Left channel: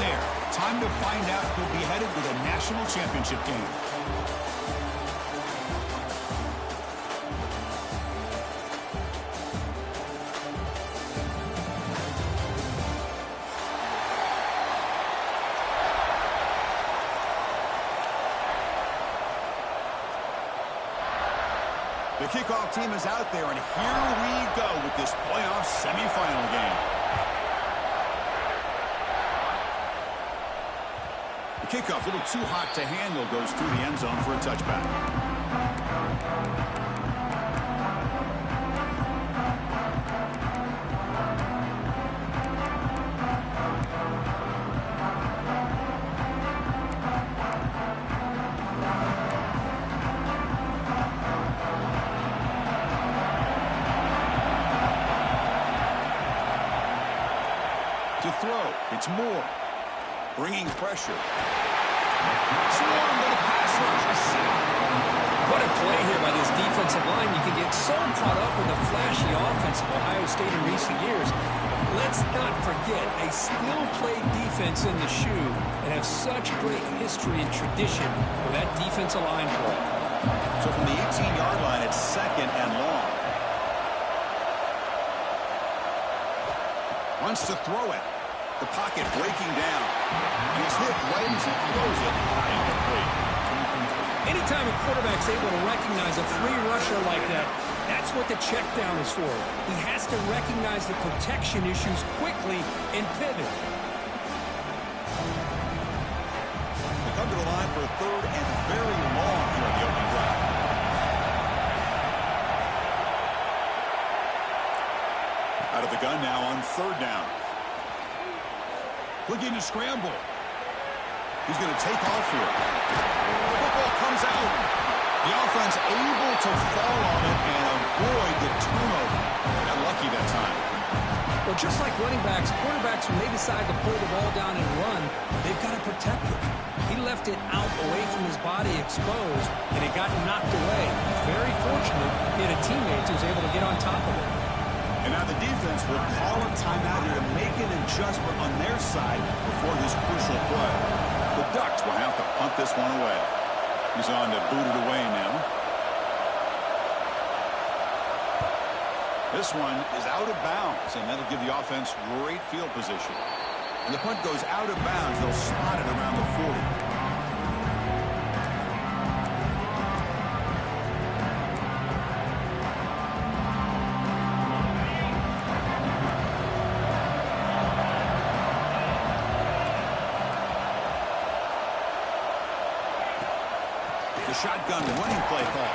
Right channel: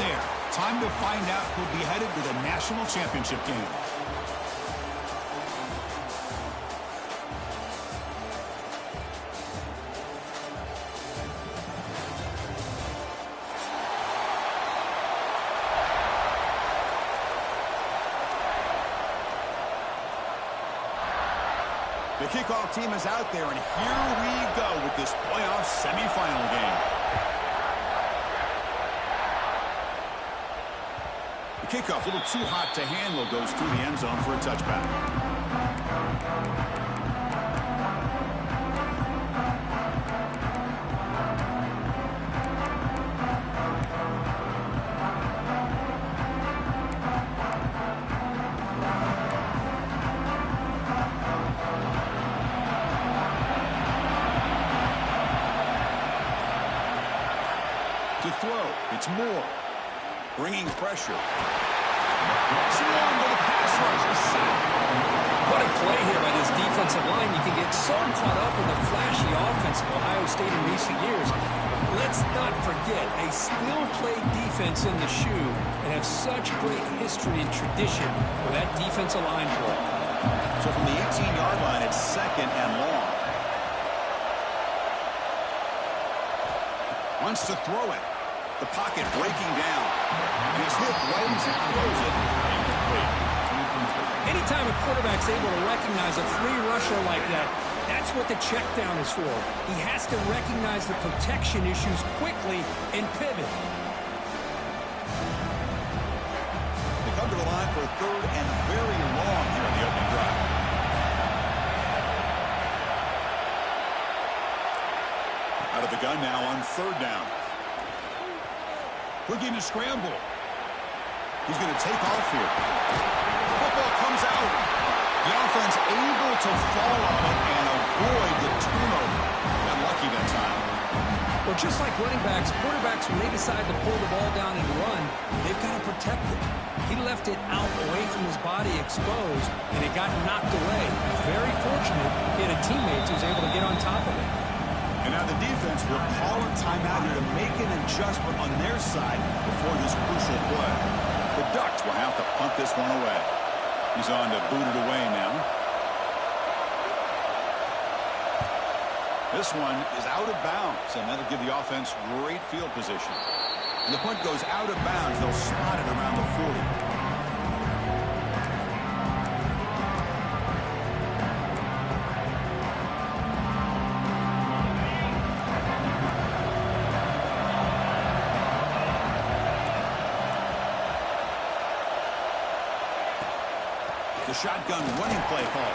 there. Time to find out who'll be headed to the national championship game. The kickoff team is out there, and here we go with this playoff semifinal game. The kickoff, a little too hot to handle, goes through the end zone for a touchback. To throw, it's Moore, bringing pressure. Swarm with a pass rush, a sack. What a play here by this defensive line. You can get so caught up in the flashy offense of Ohio State in recent years. Let's not forget, a still-play defense in the shoe and have such great history and tradition with that defensive line play. So from the 18-yard line, it's 2nd and long. Wants to throw it. The pocket breaking down. And he's hit right as he throws it. Incomplete. Anytime a quarterback's able to recognize a free rusher like that, that's what the check down is for. He has to recognize the protection issues quickly and pivot. They come to the line for 3rd and very long here in the opening drive. Out of the gun now on 3rd down. Looking to scramble. He's going to take off here. Football comes out. The offense able to fall on it and avoid the turnover. Got lucky that time. Well, just like running backs, quarterbacks, when they decide to pull the ball down and run, they've got to protect it. He left it out away from his body exposed, and it got knocked away. Very fortunate he had a teammate who was able to get on top of it. And now the defense will call a timeout here to make an adjustment on their side before this crucial play. The Ducks will have to punt this one away. He's on to boot it away now. This one is out of bounds, and that'll give the offense great field position. And the punt goes out of bounds. They'll spot it around the 40. The shotgun running play call.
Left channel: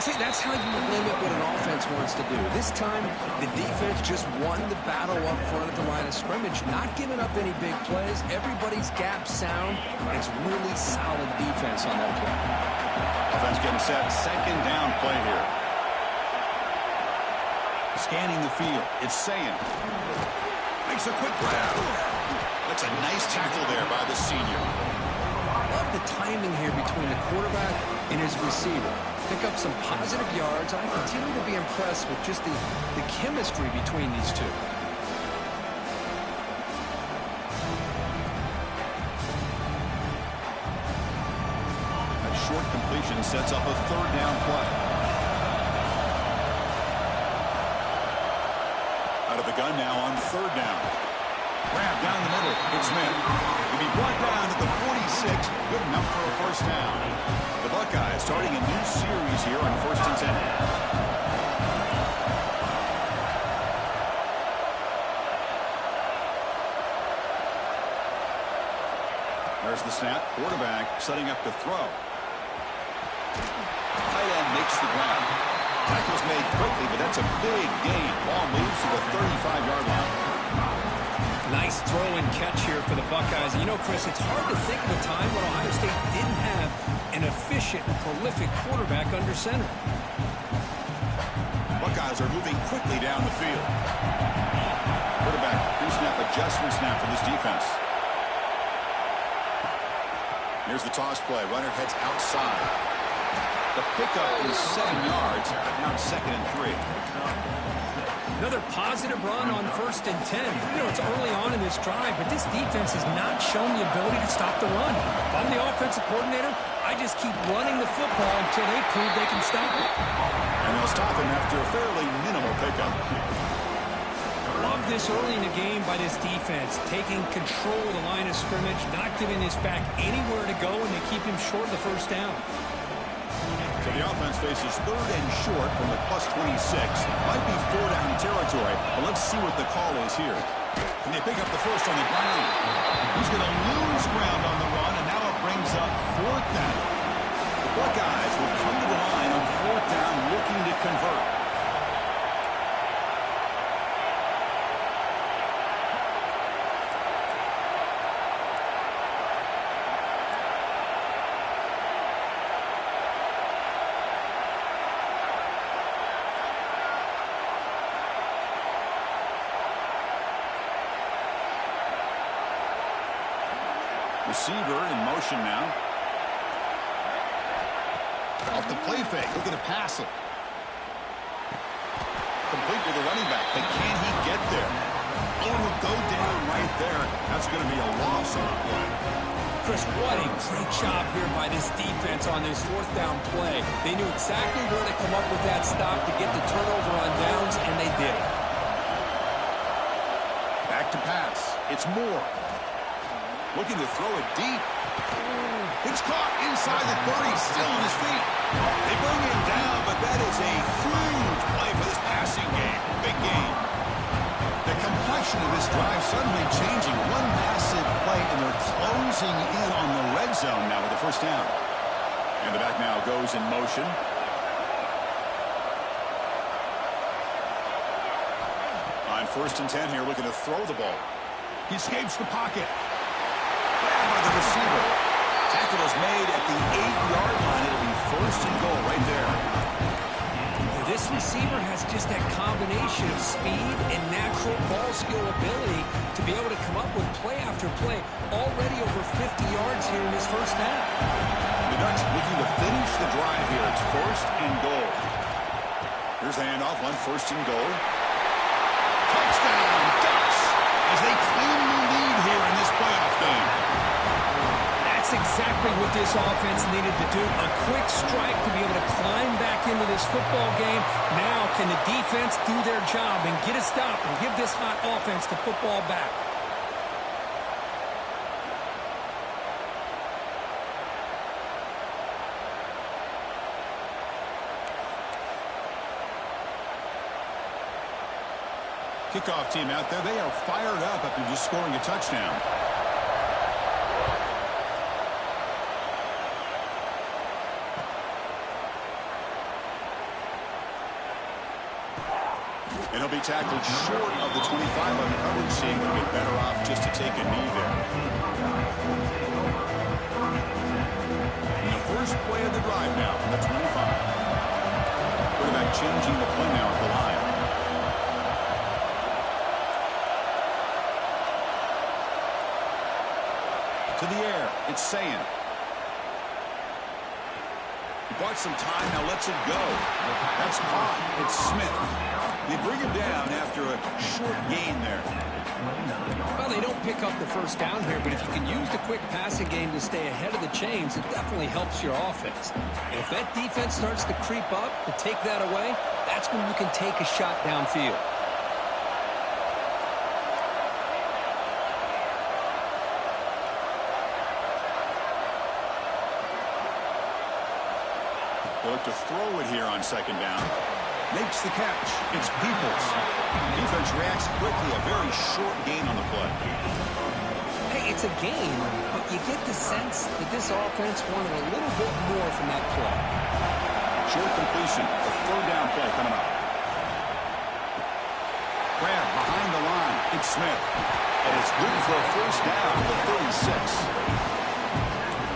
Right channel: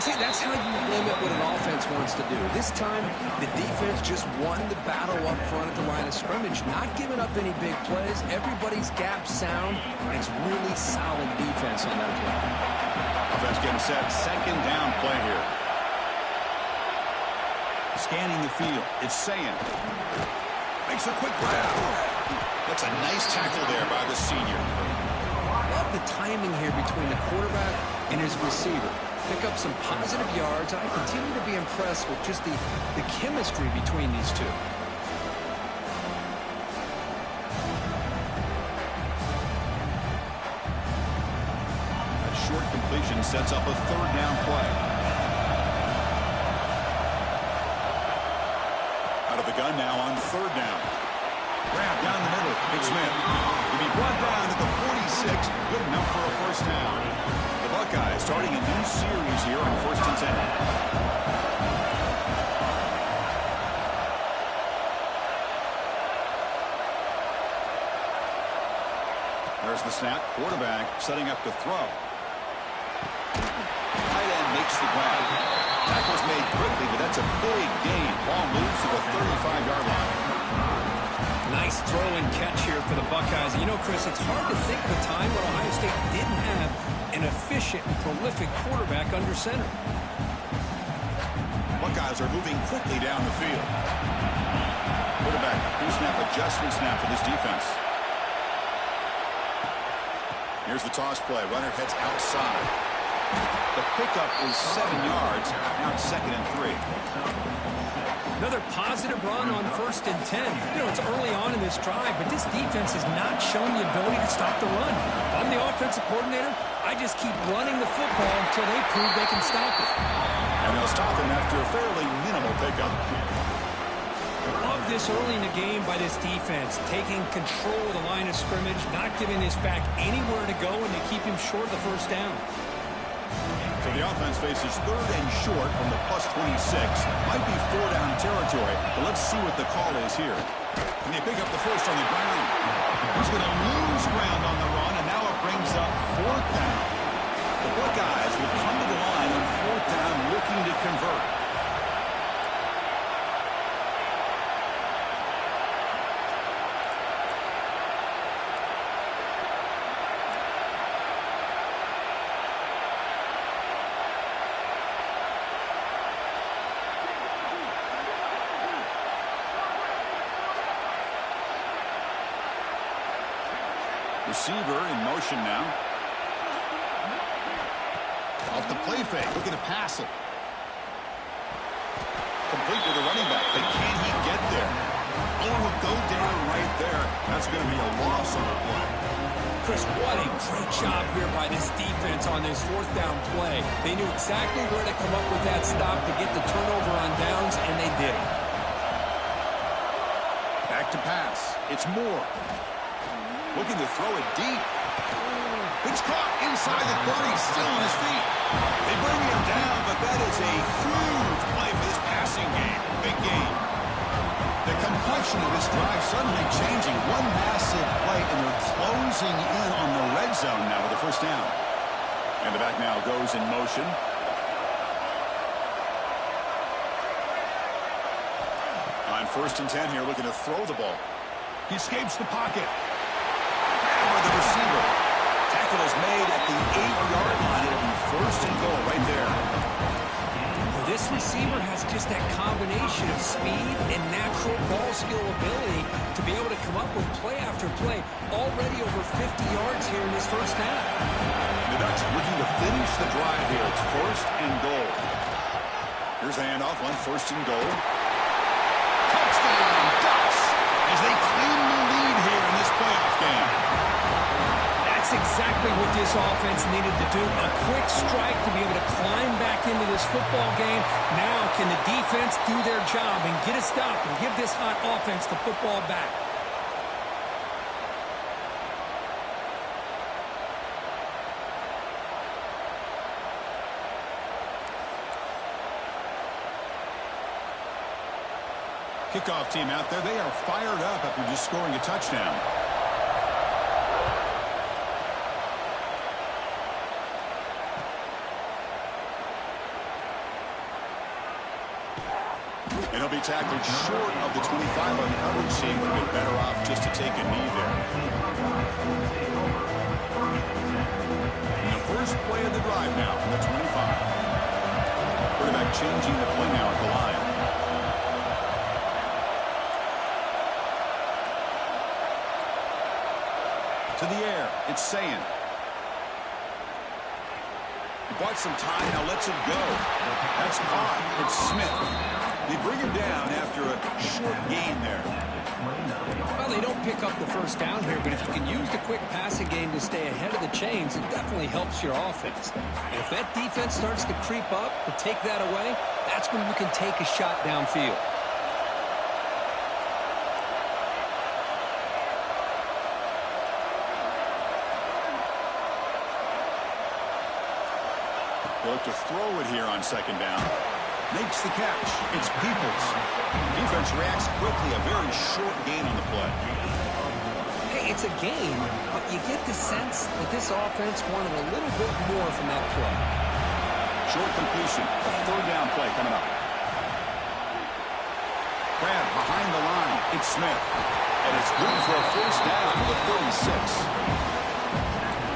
See, that's how you limit what an offense wants to do. This time, the defense just won the battle up front at the line of scrimmage, not giving up any big plays. Everybody's gap sound, and it's really solid defense on that play. Offense getting set. 2nd down play here. Scanning the field. It's Sayin. Makes a quick grab. That's a nice tackle there by the senior. Love the timing here between the quarterback and his receiver. Pick up some positive yards, and I continue to be impressed with just the chemistry between these two. That short completion sets up a 3rd down play. Out of the gun now on 3rd down. Grab down the middle. It's Smith. He'll be brought down at the 46. Good enough for a 1st down. The Buckeyes starting a new series here on 1st and 10. There's the snap. Quarterback setting up to throw. Tight end makes the grab. Tackle's made quickly, but that's a big gain. Ball moves to the 35-yard line. Nice throw and catch here for the Buckeyes. You know, Chris, it's hard to think of a time when Ohio State didn't have an efficient and prolific quarterback under center. Buckeyes are moving quickly down the field. Quarterback pre-snap adjustment snap for this defense. Here's the toss play. Runner heads outside. The pickup is 7 yards. Now it's 2nd and 3. Another positive run on 1st and 10. You know, it's early on in this drive, but this defense has not shown the ability to stop the run. If I'm the offensive coordinator, I just keep running the football until they prove they can stop it. And they'll stop him after a fairly minimal pickup. Love this early in the game by this defense, taking control of the line of scrimmage, not giving his back anywhere to go, and they keep him short of the 1st down. So the offense faces 3rd and short from the +26. Might be 4-down territory, but let's see what the call is here. Can they pick up the 1st on the ground? He's going to lose ground on the run, and now it brings up 4th down. The Buckeyes will come to the line on 4th down looking to convert. Receiver in motion now. Off the play fake, looking to pass it. Complete to the running back, but can he get there? Oh, he'll go down right there. That's going to be a loss on the play. Chris, what a great job here by this defense on this 4th down play. They knew exactly where to come up with that stop to get the turnover on downs, and they did it. Back to pass. It's Moore. Looking to throw it deep. It's caught inside the 30, still on his feet. They bring him down, but that is a huge play for this passing game. Big game. The complexion of this drive suddenly changing. One massive play, and they're closing in on the red zone now with the 1st down. And the back now goes in motion. On 1st and 10 here, looking to throw the ball. He escapes the pocket. Grabbed by the receiver. Tackle is made at the 8-yard line. It'll be 1st and goal right there. This receiver has just that combination of speed and natural ball skill ability to be able to come up with play after play. Already over 50 yards here in this 1st half. The Ducks looking to finish the drive here. It's 1st and goal. Here's the handoff on 1st and goal. Touchdown, Ducks, as they claim the lead here in this playoff game. That's exactly what this offense needed to do. A quick strike to be able to climb back into this football game. Now can the defense do their job and get a stop and give this hot offense the football back? Kickoff team out there, they are fired up after just scoring a touchdown. And he'll be tackled short of the 25 on coverage. Seeing would have been better off just to take a knee there. And the first play of the drive now from the 25. Quarterback changing the play now at the line. To the air, it's Sayin. He bought some time, now lets it go. That's caught. It's Smith. They bring him down after a short gain there. Well, they don't pick up the 1st down here, but if you can use the quick passing game to stay ahead of the chains, it definitely helps your offense. And if that defense starts to creep up, to take that away, that's when you can take a shot downfield. They look to throw it here on 2nd down. Makes the catch. It's Peoples. Defense reacts quickly. A very short gain on the play. Hey, it's a gain, but you get the sense that this offense wanted a little bit more from that play. Short completion. A 3rd down play coming up. Grab behind the line. It's Smith. And it's good for a 1st down to the 36.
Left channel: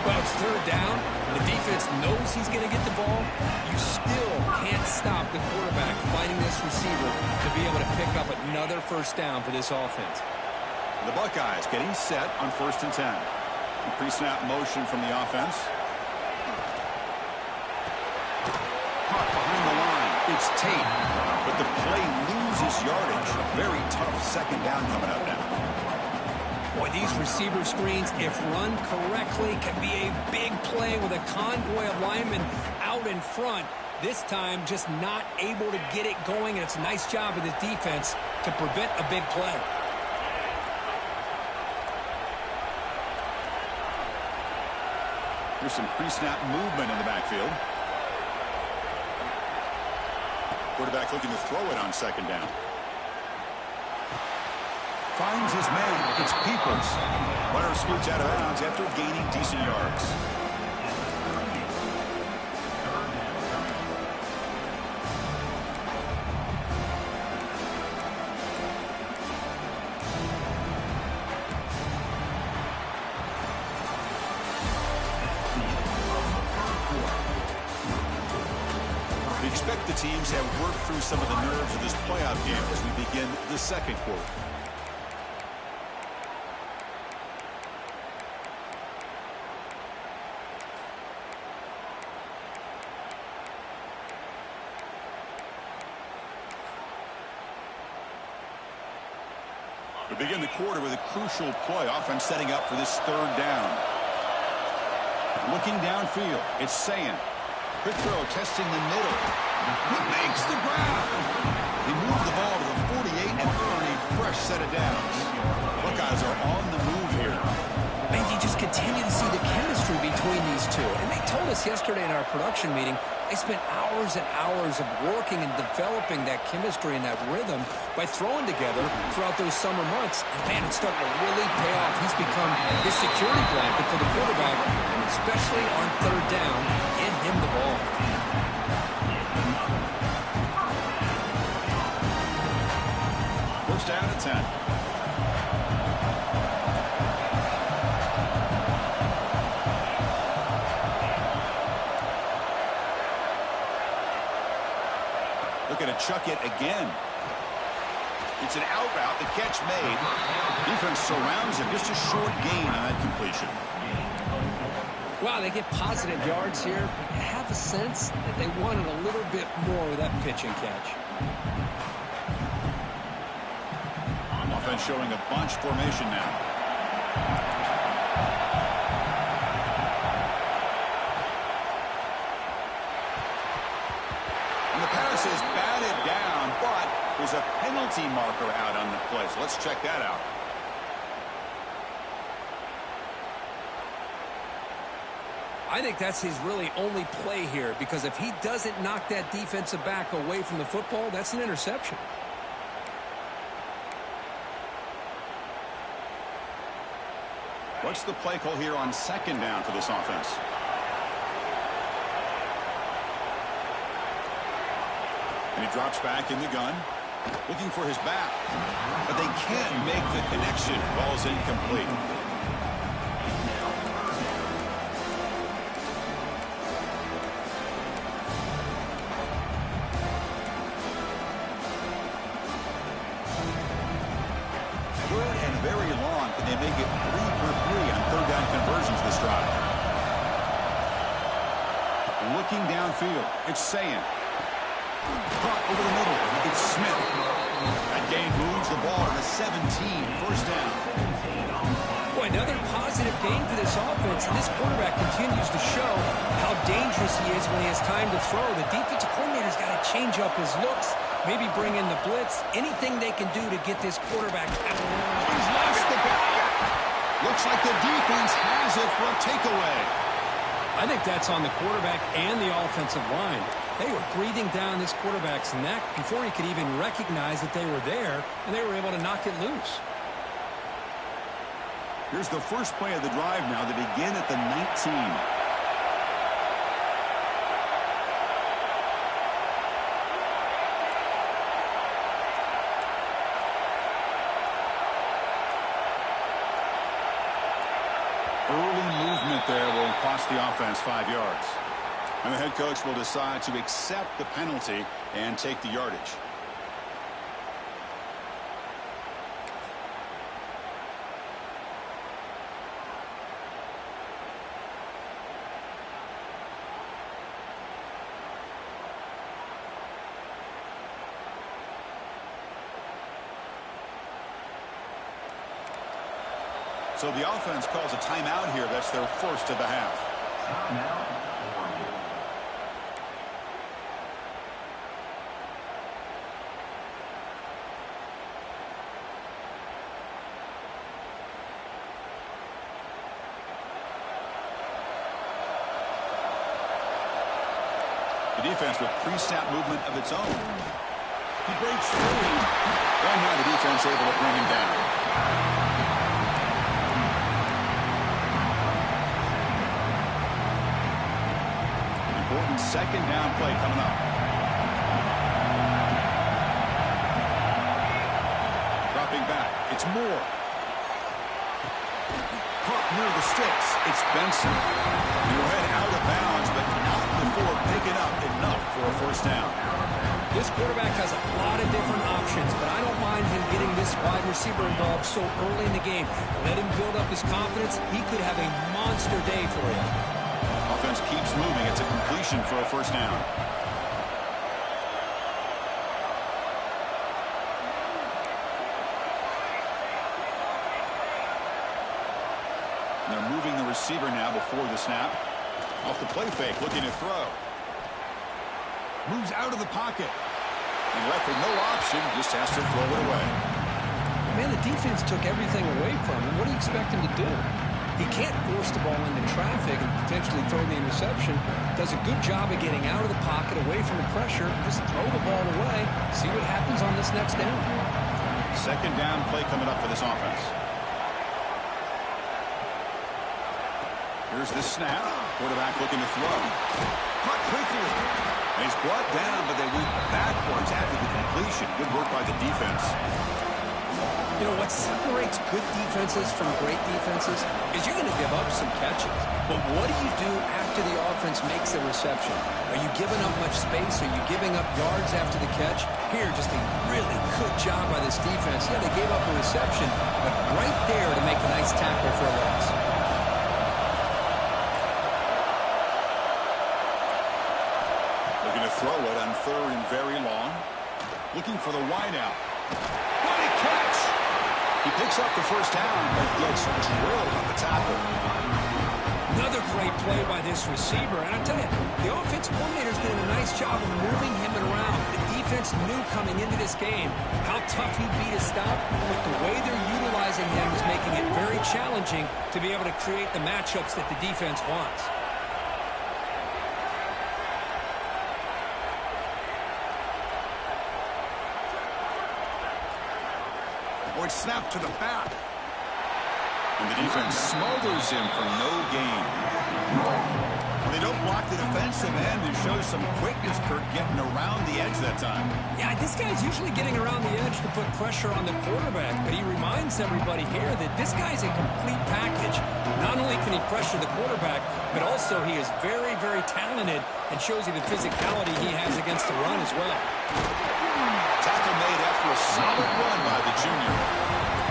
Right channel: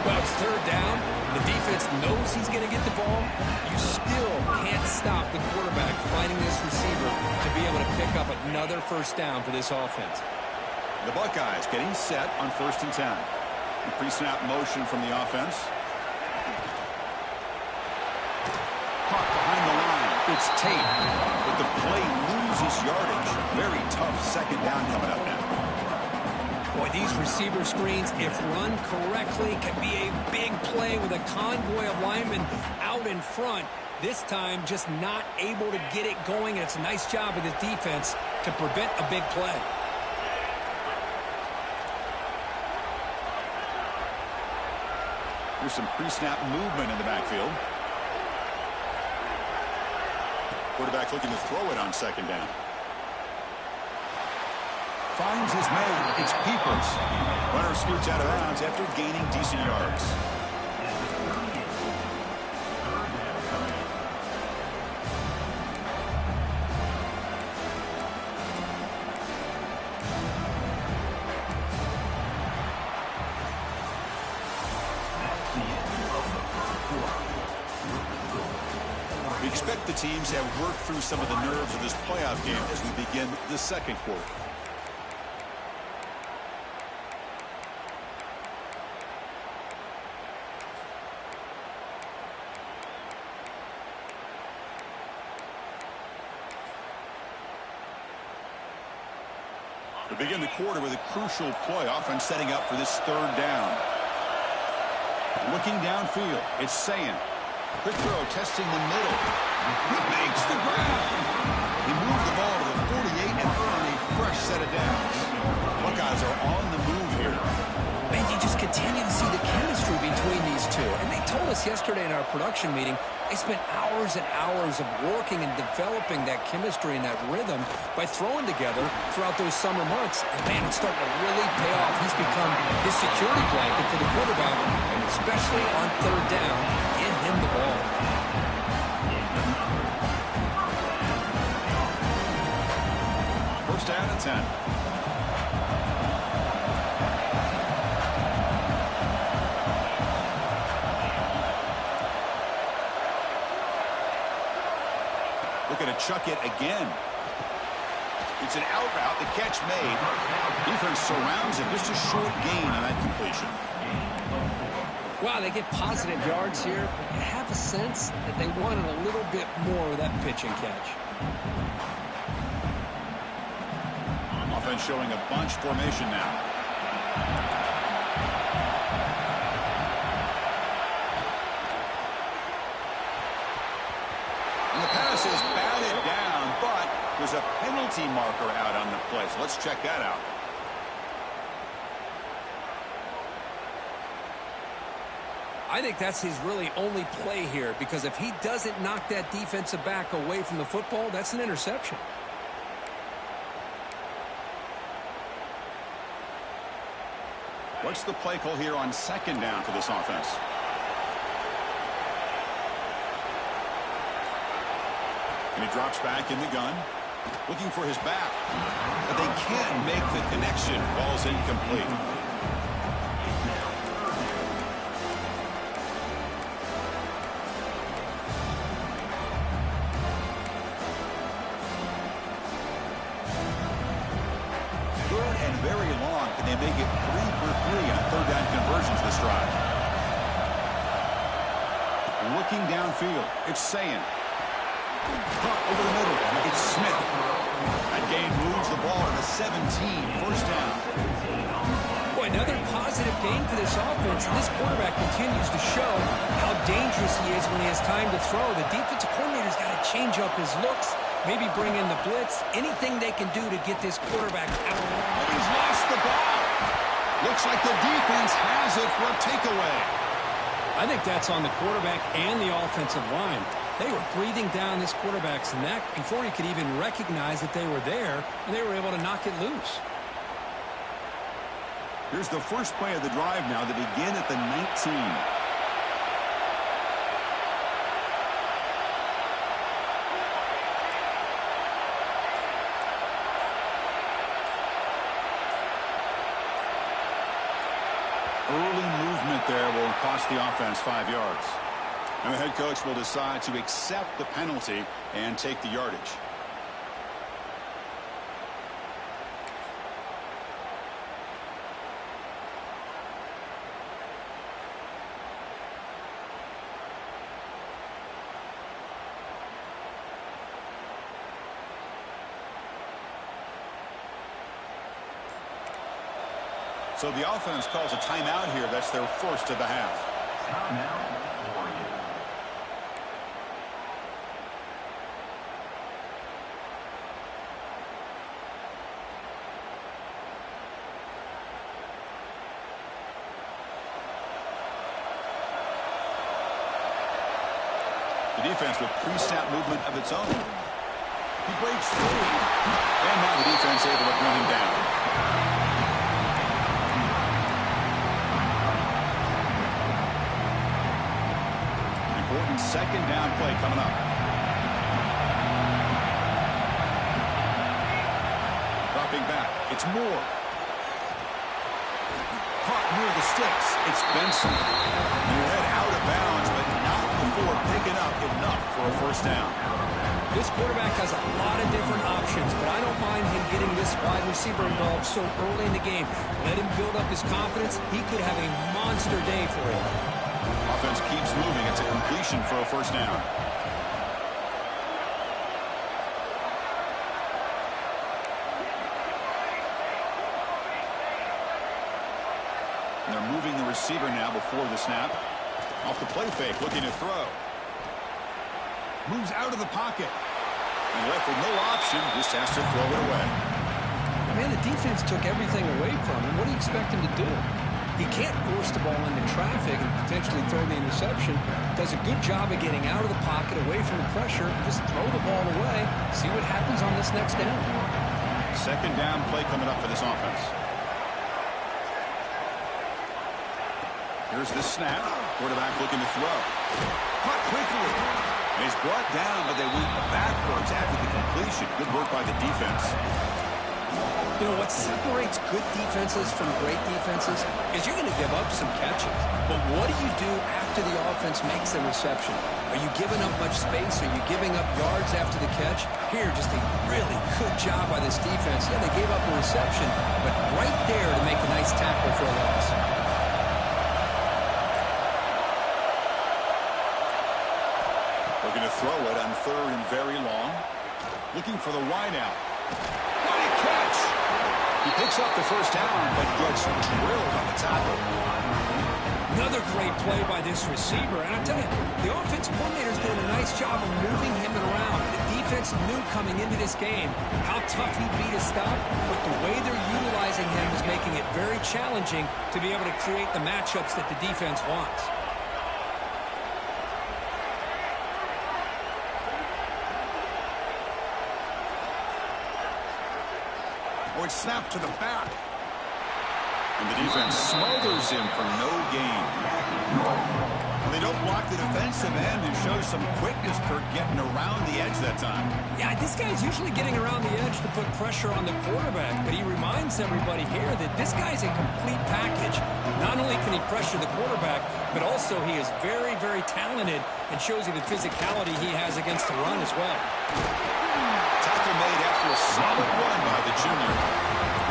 Well, it's 3rd down. The defense knows he's going to get the ball. You still can't stop the quarterback finding this receiver to be able to pick up another 1st down for this offense. The Buckeyes getting set on 1st and 10. Pre-snap motion from the offense. Caught behind the line. It's Tate. But the play loses yardage. Very tough second down coming up now. Boy, these receiver screens, if run correctly, can be a big play with a convoy of linemen out in front. This time, just not able to get it going, and it's a nice job of the defense to prevent a big play. There's some pre-snap movement in the backfield. Quarterback looking to throw it on second down. Finds his man. It's Peoples. Runner scoots out of bounds after gaining decent yards. We expect the teams have worked through some of the nerves of this playoff game as we begin the second quarter. We begin the quarter with a crucial play. Offense setting up for this third down. Looking downfield, it's Sayin. Quick throw, testing the middle. He makes the grab. He moved the ball to the 48 and earned a fresh set of downs. Buckeyes are on the move here. Man, you just continue to see the chemistry between these two. And they told us yesterday in our production meeting, they spent hours and hours of working and developing that chemistry and that rhythm by throwing together throughout those summer months. And, man, it's starting to really pay off. He's become his security blanket for the quarterback, and especially on third down, get him the ball. First down at 10. Looking to chuck it again. It's an out route. The catch made. Defense surrounds him. Just a short gain on that completion. Wow, they get positive yards here, but you have a sense that they wanted a little bit more with that pitch and catch. Offense showing a bunch formation now. And the pass is batted down, but there's a penalty marker out on the play. So let's check that out. I think that's his really only play here, because if he doesn't knock that defensive back away from the football, that's an interception. What's the play call here on second down for this offense? And he drops back in the gun, looking for his back. But they can't make the connection. Ball's incomplete. Good and very long. Can they make it 3 for 3 on third down conversions this drive? Looking downfield, it's Sayin. Caught over the middle. It's Smith. That gain moves the ball to the 17. First down. Boy, another positive gain for this offense, and this quarterback continues to show how dangerous he is when he has time to throw. The defensive coordinator's got to change up his looks, maybe bring in the blitz, anything they can do to get this quarterback out. Oh, he's lost the ball. Looks like the defense has it for a takeaway. I think that's on the quarterback and the offensive line. They were breathing down this quarterback's neck before he could even recognize that they were there, and they were able to knock it loose. Here's the first play of the drive now. They begin at the 19. Early movement there will cost the offense 5 yards. And the head coach will decide to accept the penalty and take the yardage. So the offense calls a timeout here. That's their first of the half. Timeout, Oregon. The defense with pre-snap movement of its own. He breaks free. And now the defense able to bring him down. Important second down play coming up. Dropping back. It's Moore. Caught near the sticks. It's Benson. And he'll head out of bounds, but not before picking up enough for a first down. This quarterback has a lot of different options, but I don't mind him getting this wide receiver involved so early in the game. Let him build up his confidence. He could have a monster day for him. Offense keeps moving. It's a completion for a first down. And they're moving the receiver now before the snap. Off the play fake, looking to throw. Moves out of the pocket. And left with no option, just has to throw it away. Man, the defense took everything away from him. What do you expect him to do? He can't force the ball into traffic and potentially throw the interception. Does a good job of getting out of the pocket, away from the pressure. Just throw the ball away. See what happens on this next down. Second down play coming up for this offense. Here's the snap. Quarterback looking to throw. Caught quickly. And he's brought down, but they went backwards after the completion. Good work by the defense. You know, what separates good defenses from great defenses is you're going to give up some catches. But what do you do after the offense makes the reception? Are you giving up much space? Are you giving up yards after the catch? Here, just a really good job by this defense. Yeah, they gave up a reception, but right there to make a nice tackle for a loss. Looking to throw it on third and very long. Looking for the wideout. What a catch! He picks up the first down, but gets drilled on the tackle. Another great play by this receiver. And I tell you, the offense coordinator's doing a nice job of moving him around. The defense knew coming into this game how tough he'd be to stop, but the way they're utilizing him is making it very challenging to be able to create the matchups that the defense wants. Or it's snapped to the back. And the defense smothers him for no gain. Well, they don't block the defensive end and show some quickness, Kirk, getting around the edge that time. Yeah, this guy's usually getting around the edge to put pressure on the quarterback, but he reminds everybody here that this guy's a complete package. Not only can he pressure the quarterback, but also he is very, very talented and shows you the physicality he has against the run as well. Tackle made after a solid run by the junior.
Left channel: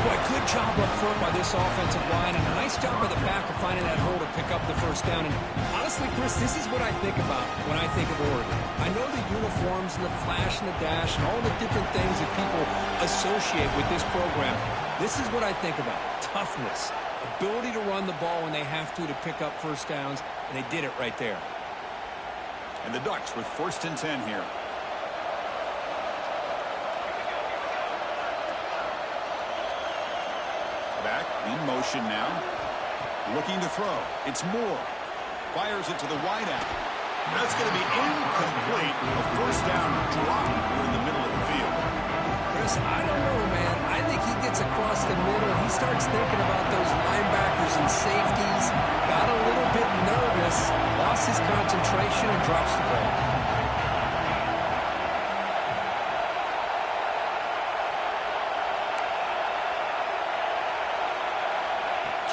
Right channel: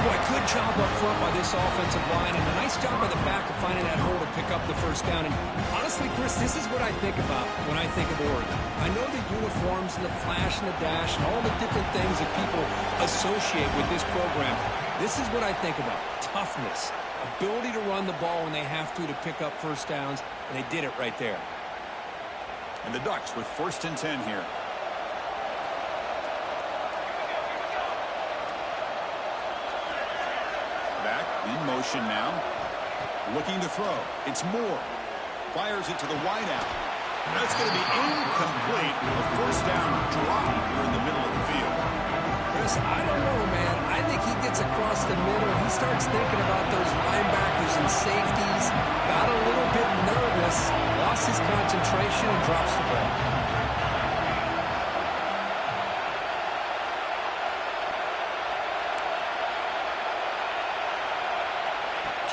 Boy, good job up front by this offensive line, and a nice job by the back of finding that hole to pick up the first down. And honestly, Chris, this is what I think about when I think of Oregon. I know the uniforms and the flash and the dash and all the different things that people associate with this program. This is what I think about. Toughness, ability to run the ball when they have to pick up first downs, and they did it right there. And the Ducks with 1st and 10 here. Back in motion now. Looking to throw. It's Moore. Fires it to the wideout. That's going to be incomplete. A first down drop here in the middle of the field. Chris, I don't know, man. I think he gets across the middle. He starts thinking about those linebackers and safeties. Got a little bit nervous. Lost his concentration and drops the ball.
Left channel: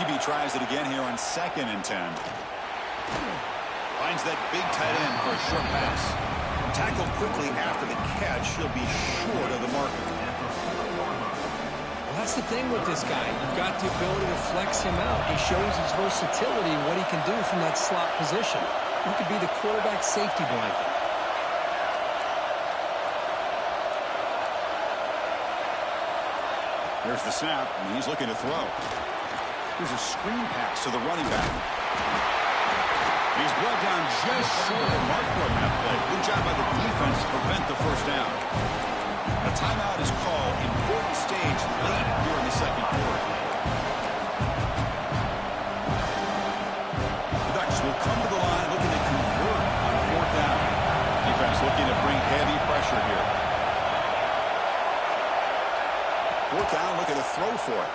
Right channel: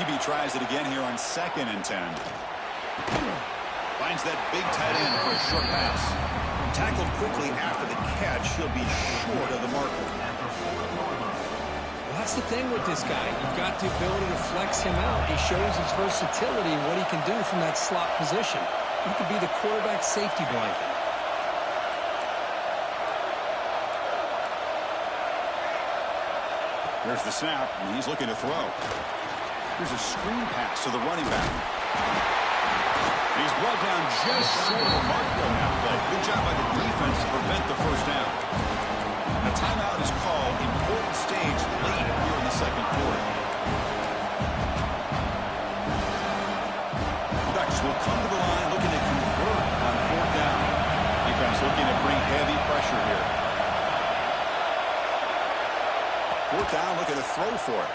QB tries it again here on 2nd and 10. Finds that big tight end for a short pass. Tackled quickly after the catch. He'll be short of the marker. Well, that's the thing with this guy. You've got the ability to flex him out. He shows his versatility and what he can do from that slot position. He could be the quarterback safety blanket. Here's the snap, and he's looking to throw. Here's a screen pass to the running back. And he's brought down just short of the marker on that play. Good job by the defense to prevent the first down. A timeout is called. Important stage late here in the second quarter. The Ducks will come to the line looking to convert on fourth down. Defense looking to bring heavy pressure here. Fourth down, looking to throw for it.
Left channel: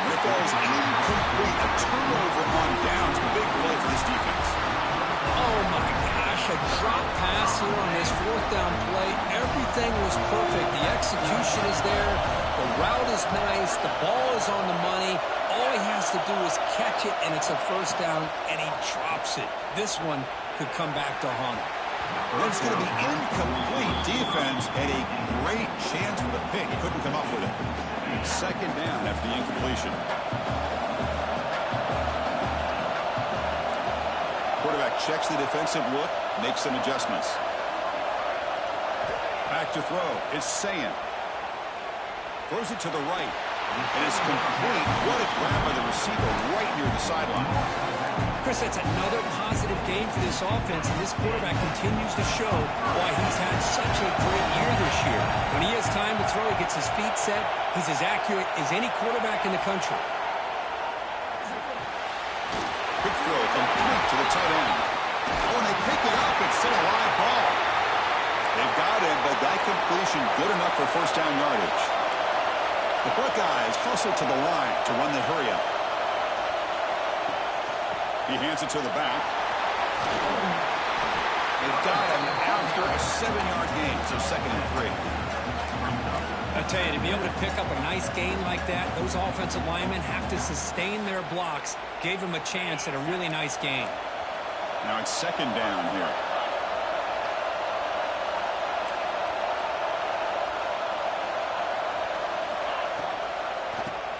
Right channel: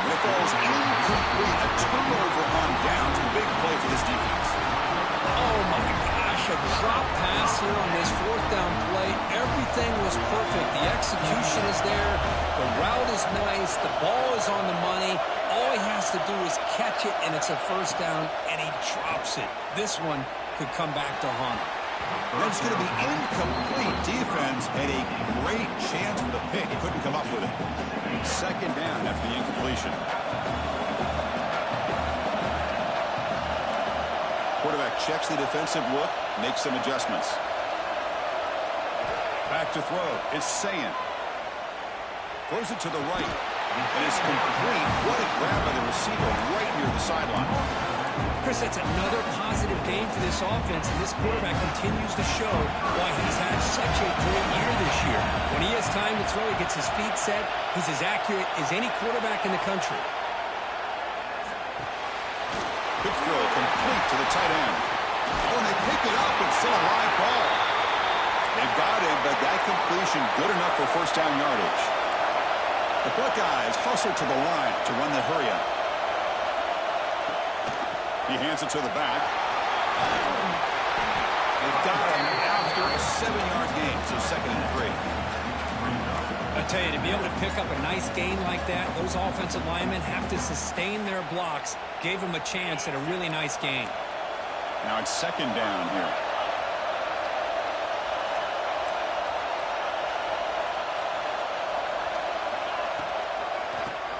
And it falls incomplete. A turnover on downs. Big play for this defense. Oh, my gosh. A drop pass here on this fourth down play. Everything was perfect. The execution is there. The route is nice. The ball is on the money. All he has to do is catch it, and it's a first down, and he drops it. This one could come back to haunt him. That's going to be incomplete. Defense had a great chance for the pick. He couldn't come up with it. Second down after the incompletion. Quarterback checks the defensive look, makes some adjustments. Back to throw is Sayan. Throws it to the right. And it's complete. What a grab by the receiver right near the sideline. Chris, that's another positive game for this offense, and this quarterback continues to show why he's had such a great year this year. When he has time to throw, he gets his feet set. He's as accurate as any quarterback in the country. Quick throw complete to the tight end. Oh, and they pick it up. It's still a live ball. They've got him, but that completion good enough for first down yardage. The Buckeyes hustle to the line to run the hurry-up. He hands it to the back. They've got him after a 7-yard gain, so 2nd and 3. I tell you, to be able to pick up a nice gain like that, those offensive linemen have to sustain their blocks. Gave him a chance at a really nice gain. Now it's 2nd down here.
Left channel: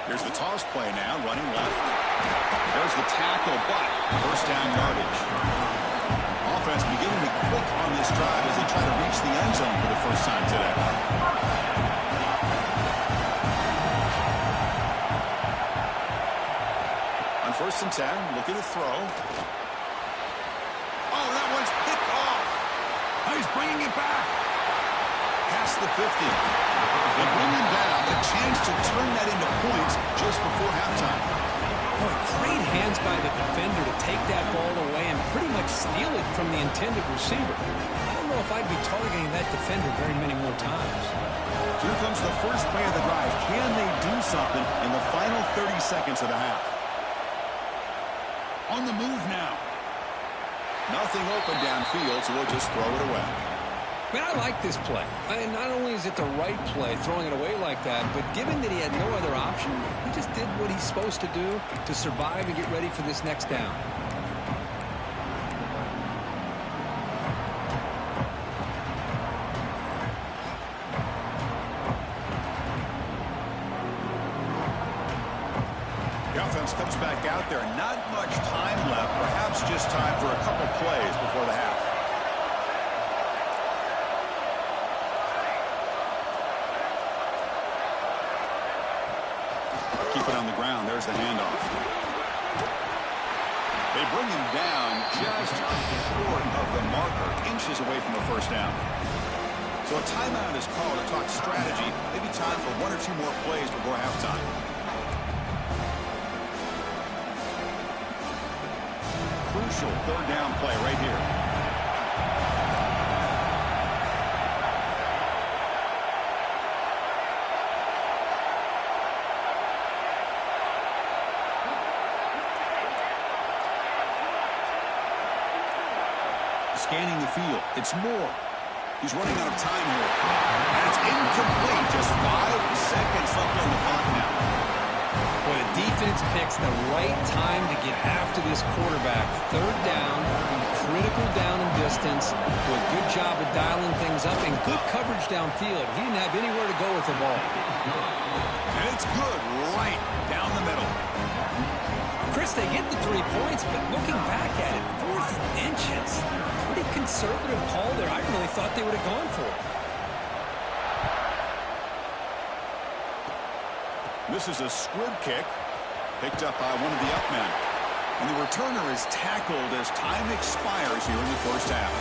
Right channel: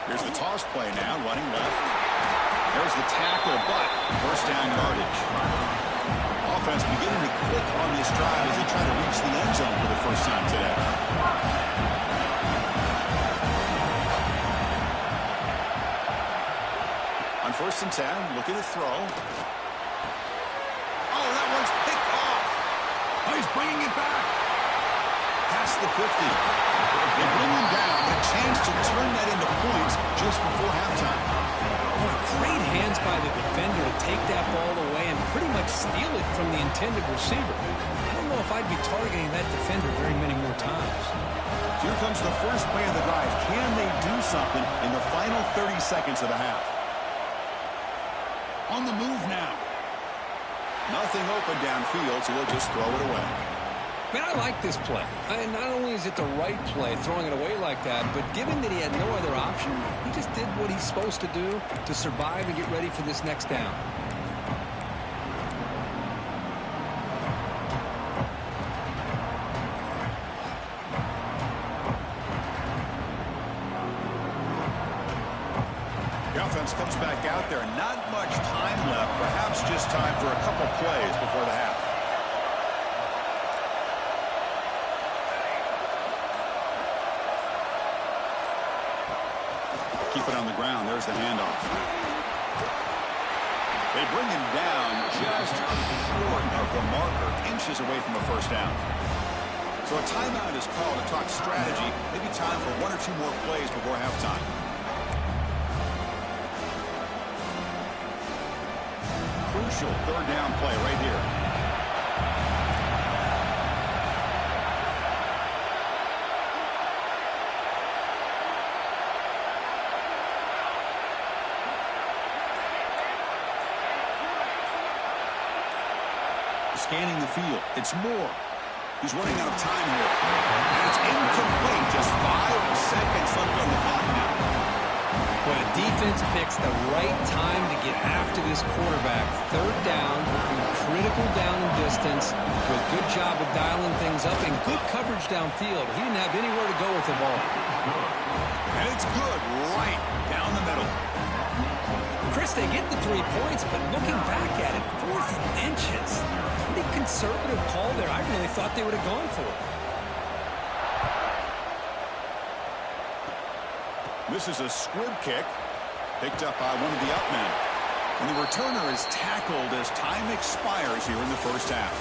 Here's the toss play now, running left. There's the tackle, but first down yardage. Offense beginning to click on this drive as they try to reach the end zone for the first time today. On 1st and 10, looking to throw. Oh, that one's picked off. Oh, he's bringing it back. Past the 50. They bring him down, but a chance to turn that into points just before halftime. Boy, great hands by the defender to take that ball away and pretty much steal it from the intended receiver. I don't know if I'd be targeting that defender very many more times. Here comes the first play of the drive. Can they do something in the final 30 seconds of the half? On the move now. Nothing open downfield, so we'll just throw it away. Man, I like this play. And not only is it the right play, throwing it away like that, but given that he had no other option, he just did what he's supposed to do to survive and get ready for this next down. The offense comes back out there. Not much time left. Perhaps just time for a couple plays before the half. Keep it on the ground. There's the handoff. They bring him down just short of the marker, inches away from a first down. So a timeout is called to talk strategy. Maybe time for 1 or 2 more plays before halftime. Crucial 3rd down play right here. Scanning the field. It's Moore. He's running out of time here. And it's incomplete. Just 5 seconds left on the clock now. Well, the defense picks the right time to get after this quarterback. 3rd down, critical down and distance. Do a good job of dialing things up and good coverage downfield. He didn't have anywhere to go with the ball. And it's good right down the middle. Chris, they get the 3 points, but looking back at it, 4th and inches. Pretty conservative call there. I really thought they would have gone for it. This is a squib kick picked up by one of the up men. And the returner is tackled as time expires here in the first half.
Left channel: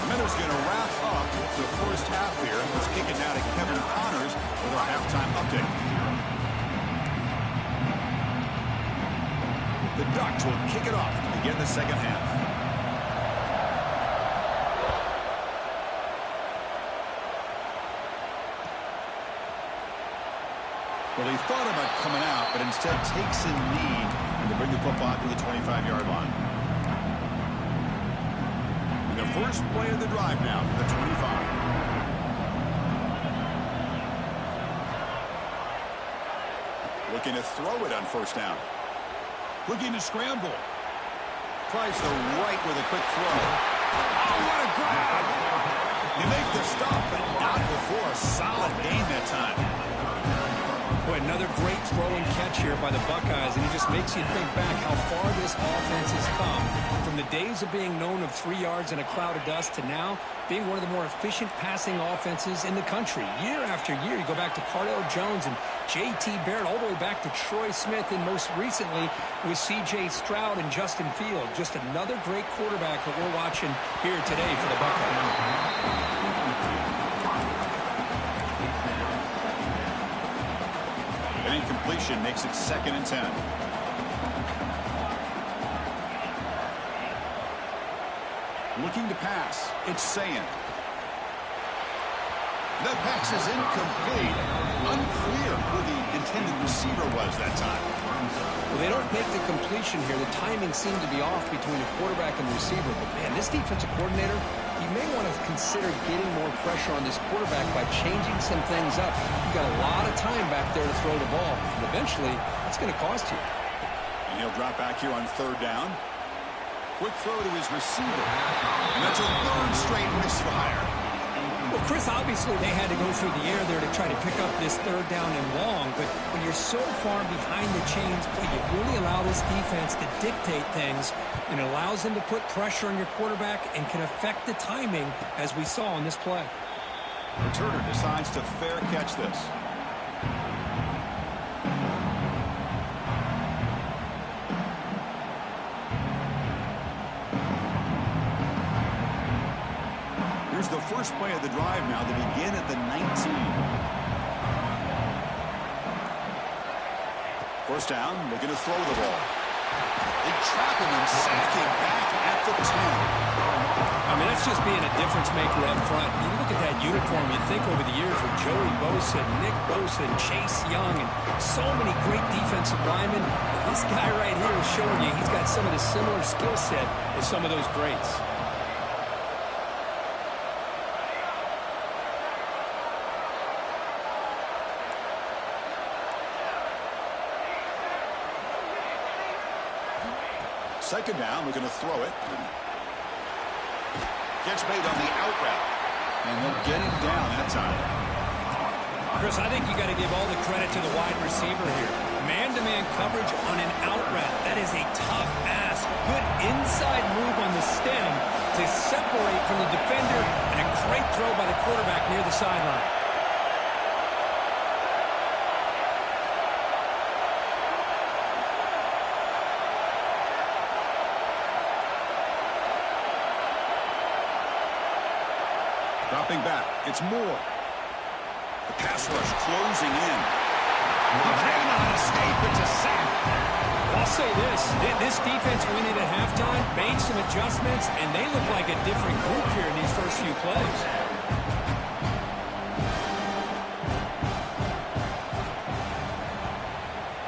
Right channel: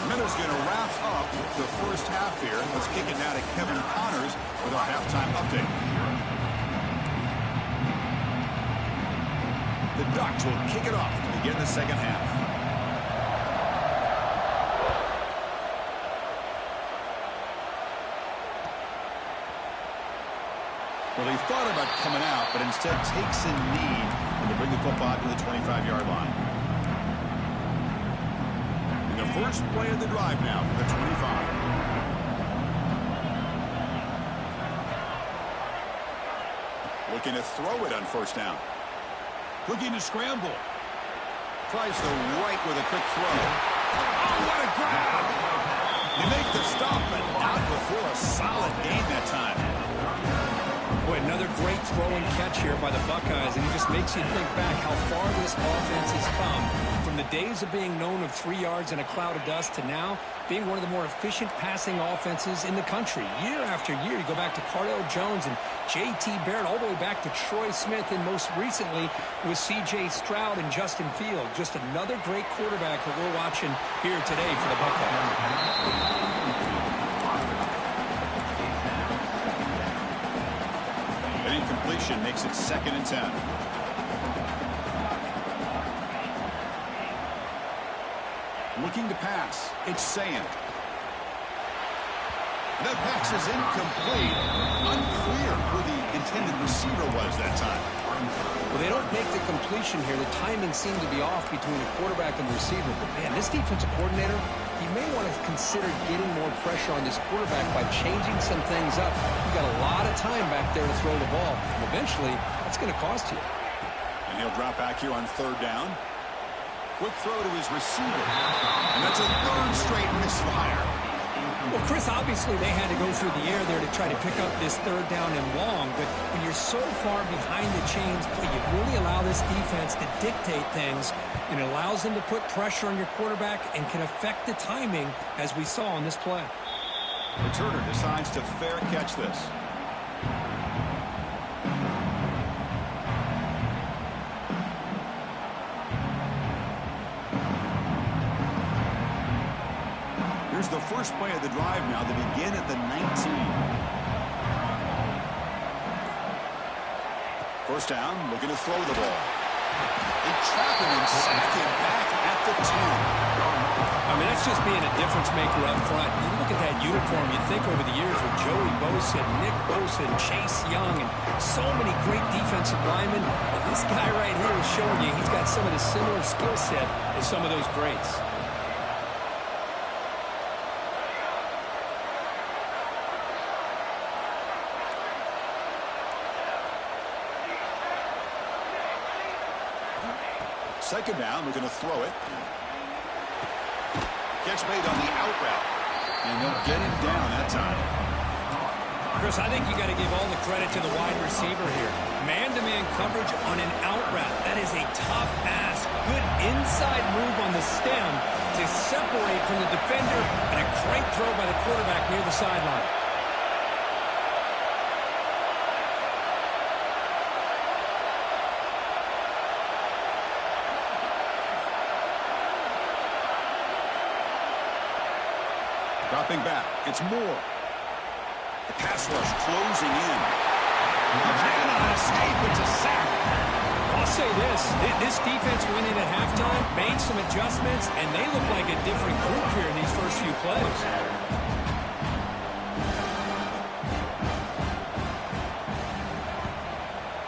The Minnows going to wrap up the first half here. Let's kick it now to Kevin Connors with our halftime update. The Ducks will kick it off to begin the second half. Well, he thought about coming out, but instead takes a knee and to bring the football to the 25-yard line. And the first play of the drive now for the 25. Looking to throw it on first down. Looking to scramble. Tries the right with a quick throw. Oh, what a grab! You make the stop, but not before a solid gain that time. Boy, another great throw and catch here by the Buckeyes, and it just makes you think back how far this offense has come from the days of being known of 3 yards in a cloud of dust to now being one of the more efficient passing offenses in the country. Year after year, you go back to Cardale Jones and J.T. Barrett, all the way back to Troy Smith, and most recently with C.J. Stroud and Justin Fields. Just another great quarterback that we're watching here today for the Buckeyes. An incompletion makes it 2nd and 10. Looking to pass. It's Saying. The pass is incomplete. Unclear who the intended receiver was that time. Well, they don't make the completion here. The timing seemed to be off between the quarterback and the receiver. But, man, this defensive coordinator, he may want to consider getting more pressure on this quarterback by changing some things up. You've got a lot of time back there to throw the ball. And eventually, that's going to cost you. And he'll drop back here on 3rd down. Quick throw to his receiver. And that's a 3rd straight misfire. Well, Chris, obviously they had to go through the air there to try to pick up this 3rd down and long. But when you're so far behind the chains, boy, you really allow this defense to dictate things. And it allows them to put pressure on your quarterback and can affect the timing, as we saw on this play. Returner decides to fair catch this. Here's the first play of the drive now. They begin at the 19. First down, looking to throw the ball. They trap him and sack him back at the 10. I mean, that's just being a difference maker up front. You look at that uniform, you think over the years with Joey Bosa, Nick Bosa, and Chase Young, and so many great defensive linemen. And this guy right here is showing you he's got some of the similar skill set as some of those greats. Second down, we're going to throw it. Catch made on the out route. And they'll get him down that time. Chris, I think you got to give all the credit to the wide receiver here. Man-to-man coverage on an out route. That is a tough ask. Good inside move on the stem to separate from the defender, and a great throw by the quarterback near the sideline. Dropping back, it's Moore. The pass rush closing in. He cannot escape, it's a sack. I'll say this defense went in at halftime, made some adjustments, and they look like a different group here in these first few plays.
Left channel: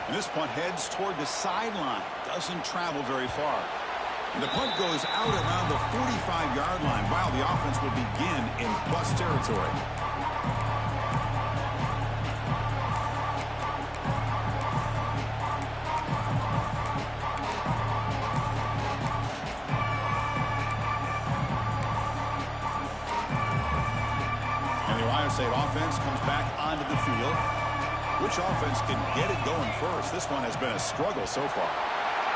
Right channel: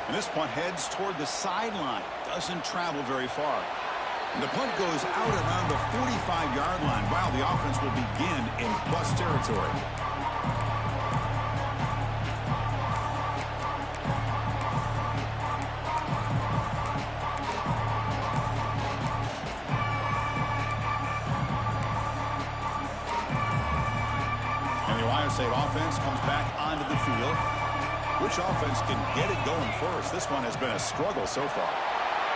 And this punt heads toward the sideline. Doesn't travel very far. And the punt goes out around the 45-yard line. Wow, the offense will begin in plus territory. And the Ohio State offense comes back onto the field. Which offense can get it going first? This one has been a struggle so far.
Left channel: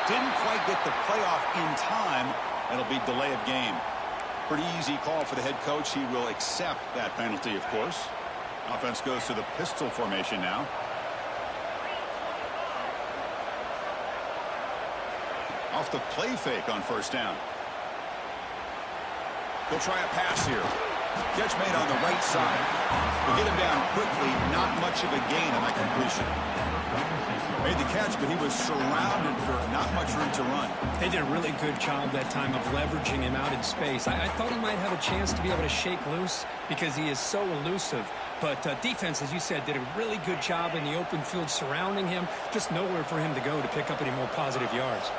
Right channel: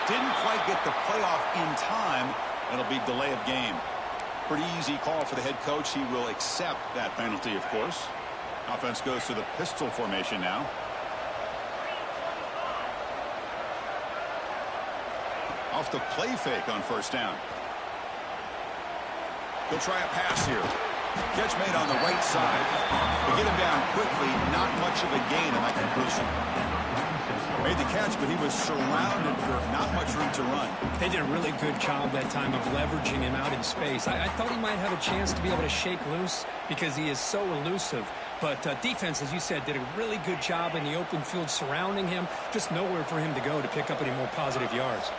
Didn't quite get the playoff in time. It'll be delay of game. Pretty easy call for the head coach. He will accept that penalty, of course. Offense goes to the pistol formation now. Off the play fake on first down. He'll try a pass here. Catch made on the right side. We'll get him down quickly. Not much of a gain on that completion. Made the catch, but he was surrounded for not much room to run. They did a really good job that time of leveraging him out in space. I thought he might have a chance to be able to shake loose because he is so elusive. But defense, as you said, did a really good job in the open field surrounding him. Just nowhere for him to go to pick up any more positive yards.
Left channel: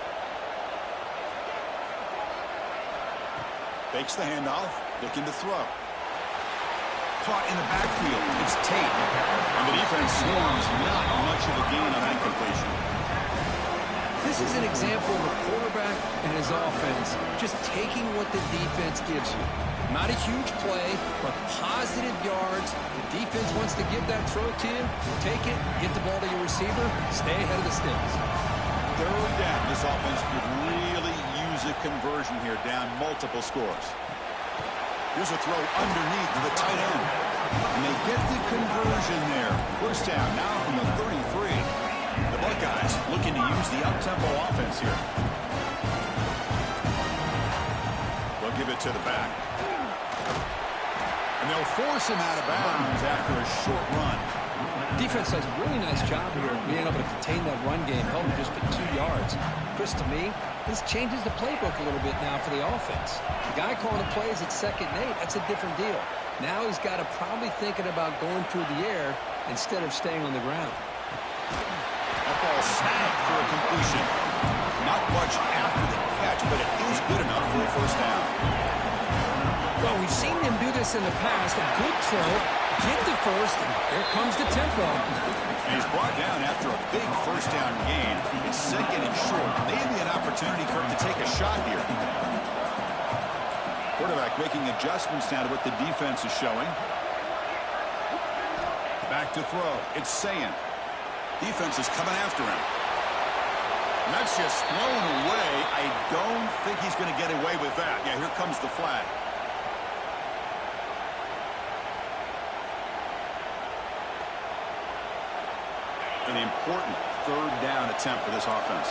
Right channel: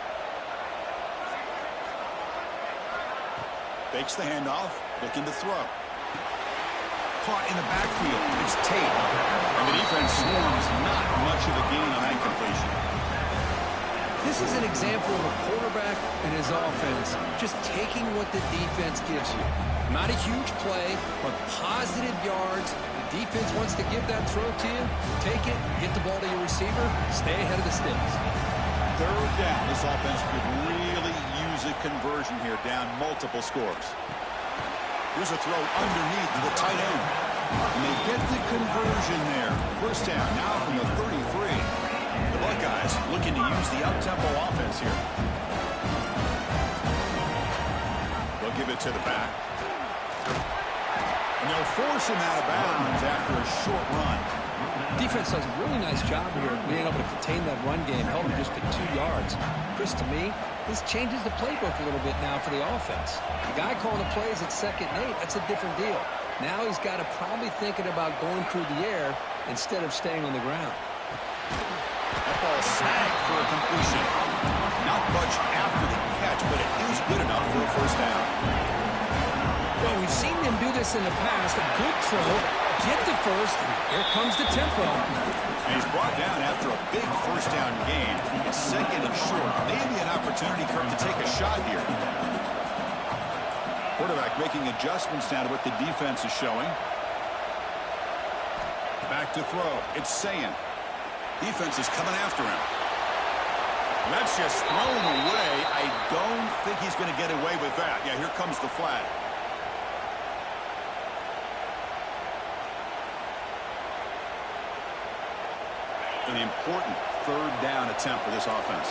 Fakes the handoff, looking to throw. Caught in the backfield. It's Tate. And the defense swarms. Not much of a gain on that completion. This is an example of a quarterback and his offense just taking what the defense gives you. Not a huge play, but positive yards. The defense wants to give that throw to you. Take it, get the ball to your receiver, stay ahead of the sticks. Third down. This offense could really use a conversion here, down multiple scores. Here's a throw underneath to the tight end. And they get the conversion there. First down now from the 33. The Buckeyes looking to use the up-tempo offense here. They'll give it to the back. And they'll force him out of bounds after a short run. Defense does a really nice job here being able to contain that run game, held him just at 2 yards. Chris, to me, this changes the playbook a little bit now for the offense. The guy calling the plays at 2nd and 8, that's a different deal. Now he's got to probably thinking about going through the air instead of staying on the ground. That ball snagged for a completion. Not much after the catch, but it is good enough for a first down. Well, we've seen them do this in the past. A good throw, get the first, and here comes the tempo. And he's brought down after a big first down gain. It's 2nd and short. Maybe an opportunity, Kirk, to take a shot here. Quarterback making adjustments now to what the defense is showing. Back to throw. It's Sayin. Defense is coming after him. And that's just thrown away. I don't think he's going to get away with that. Yeah, here comes the flag. An important third down attempt for this offense.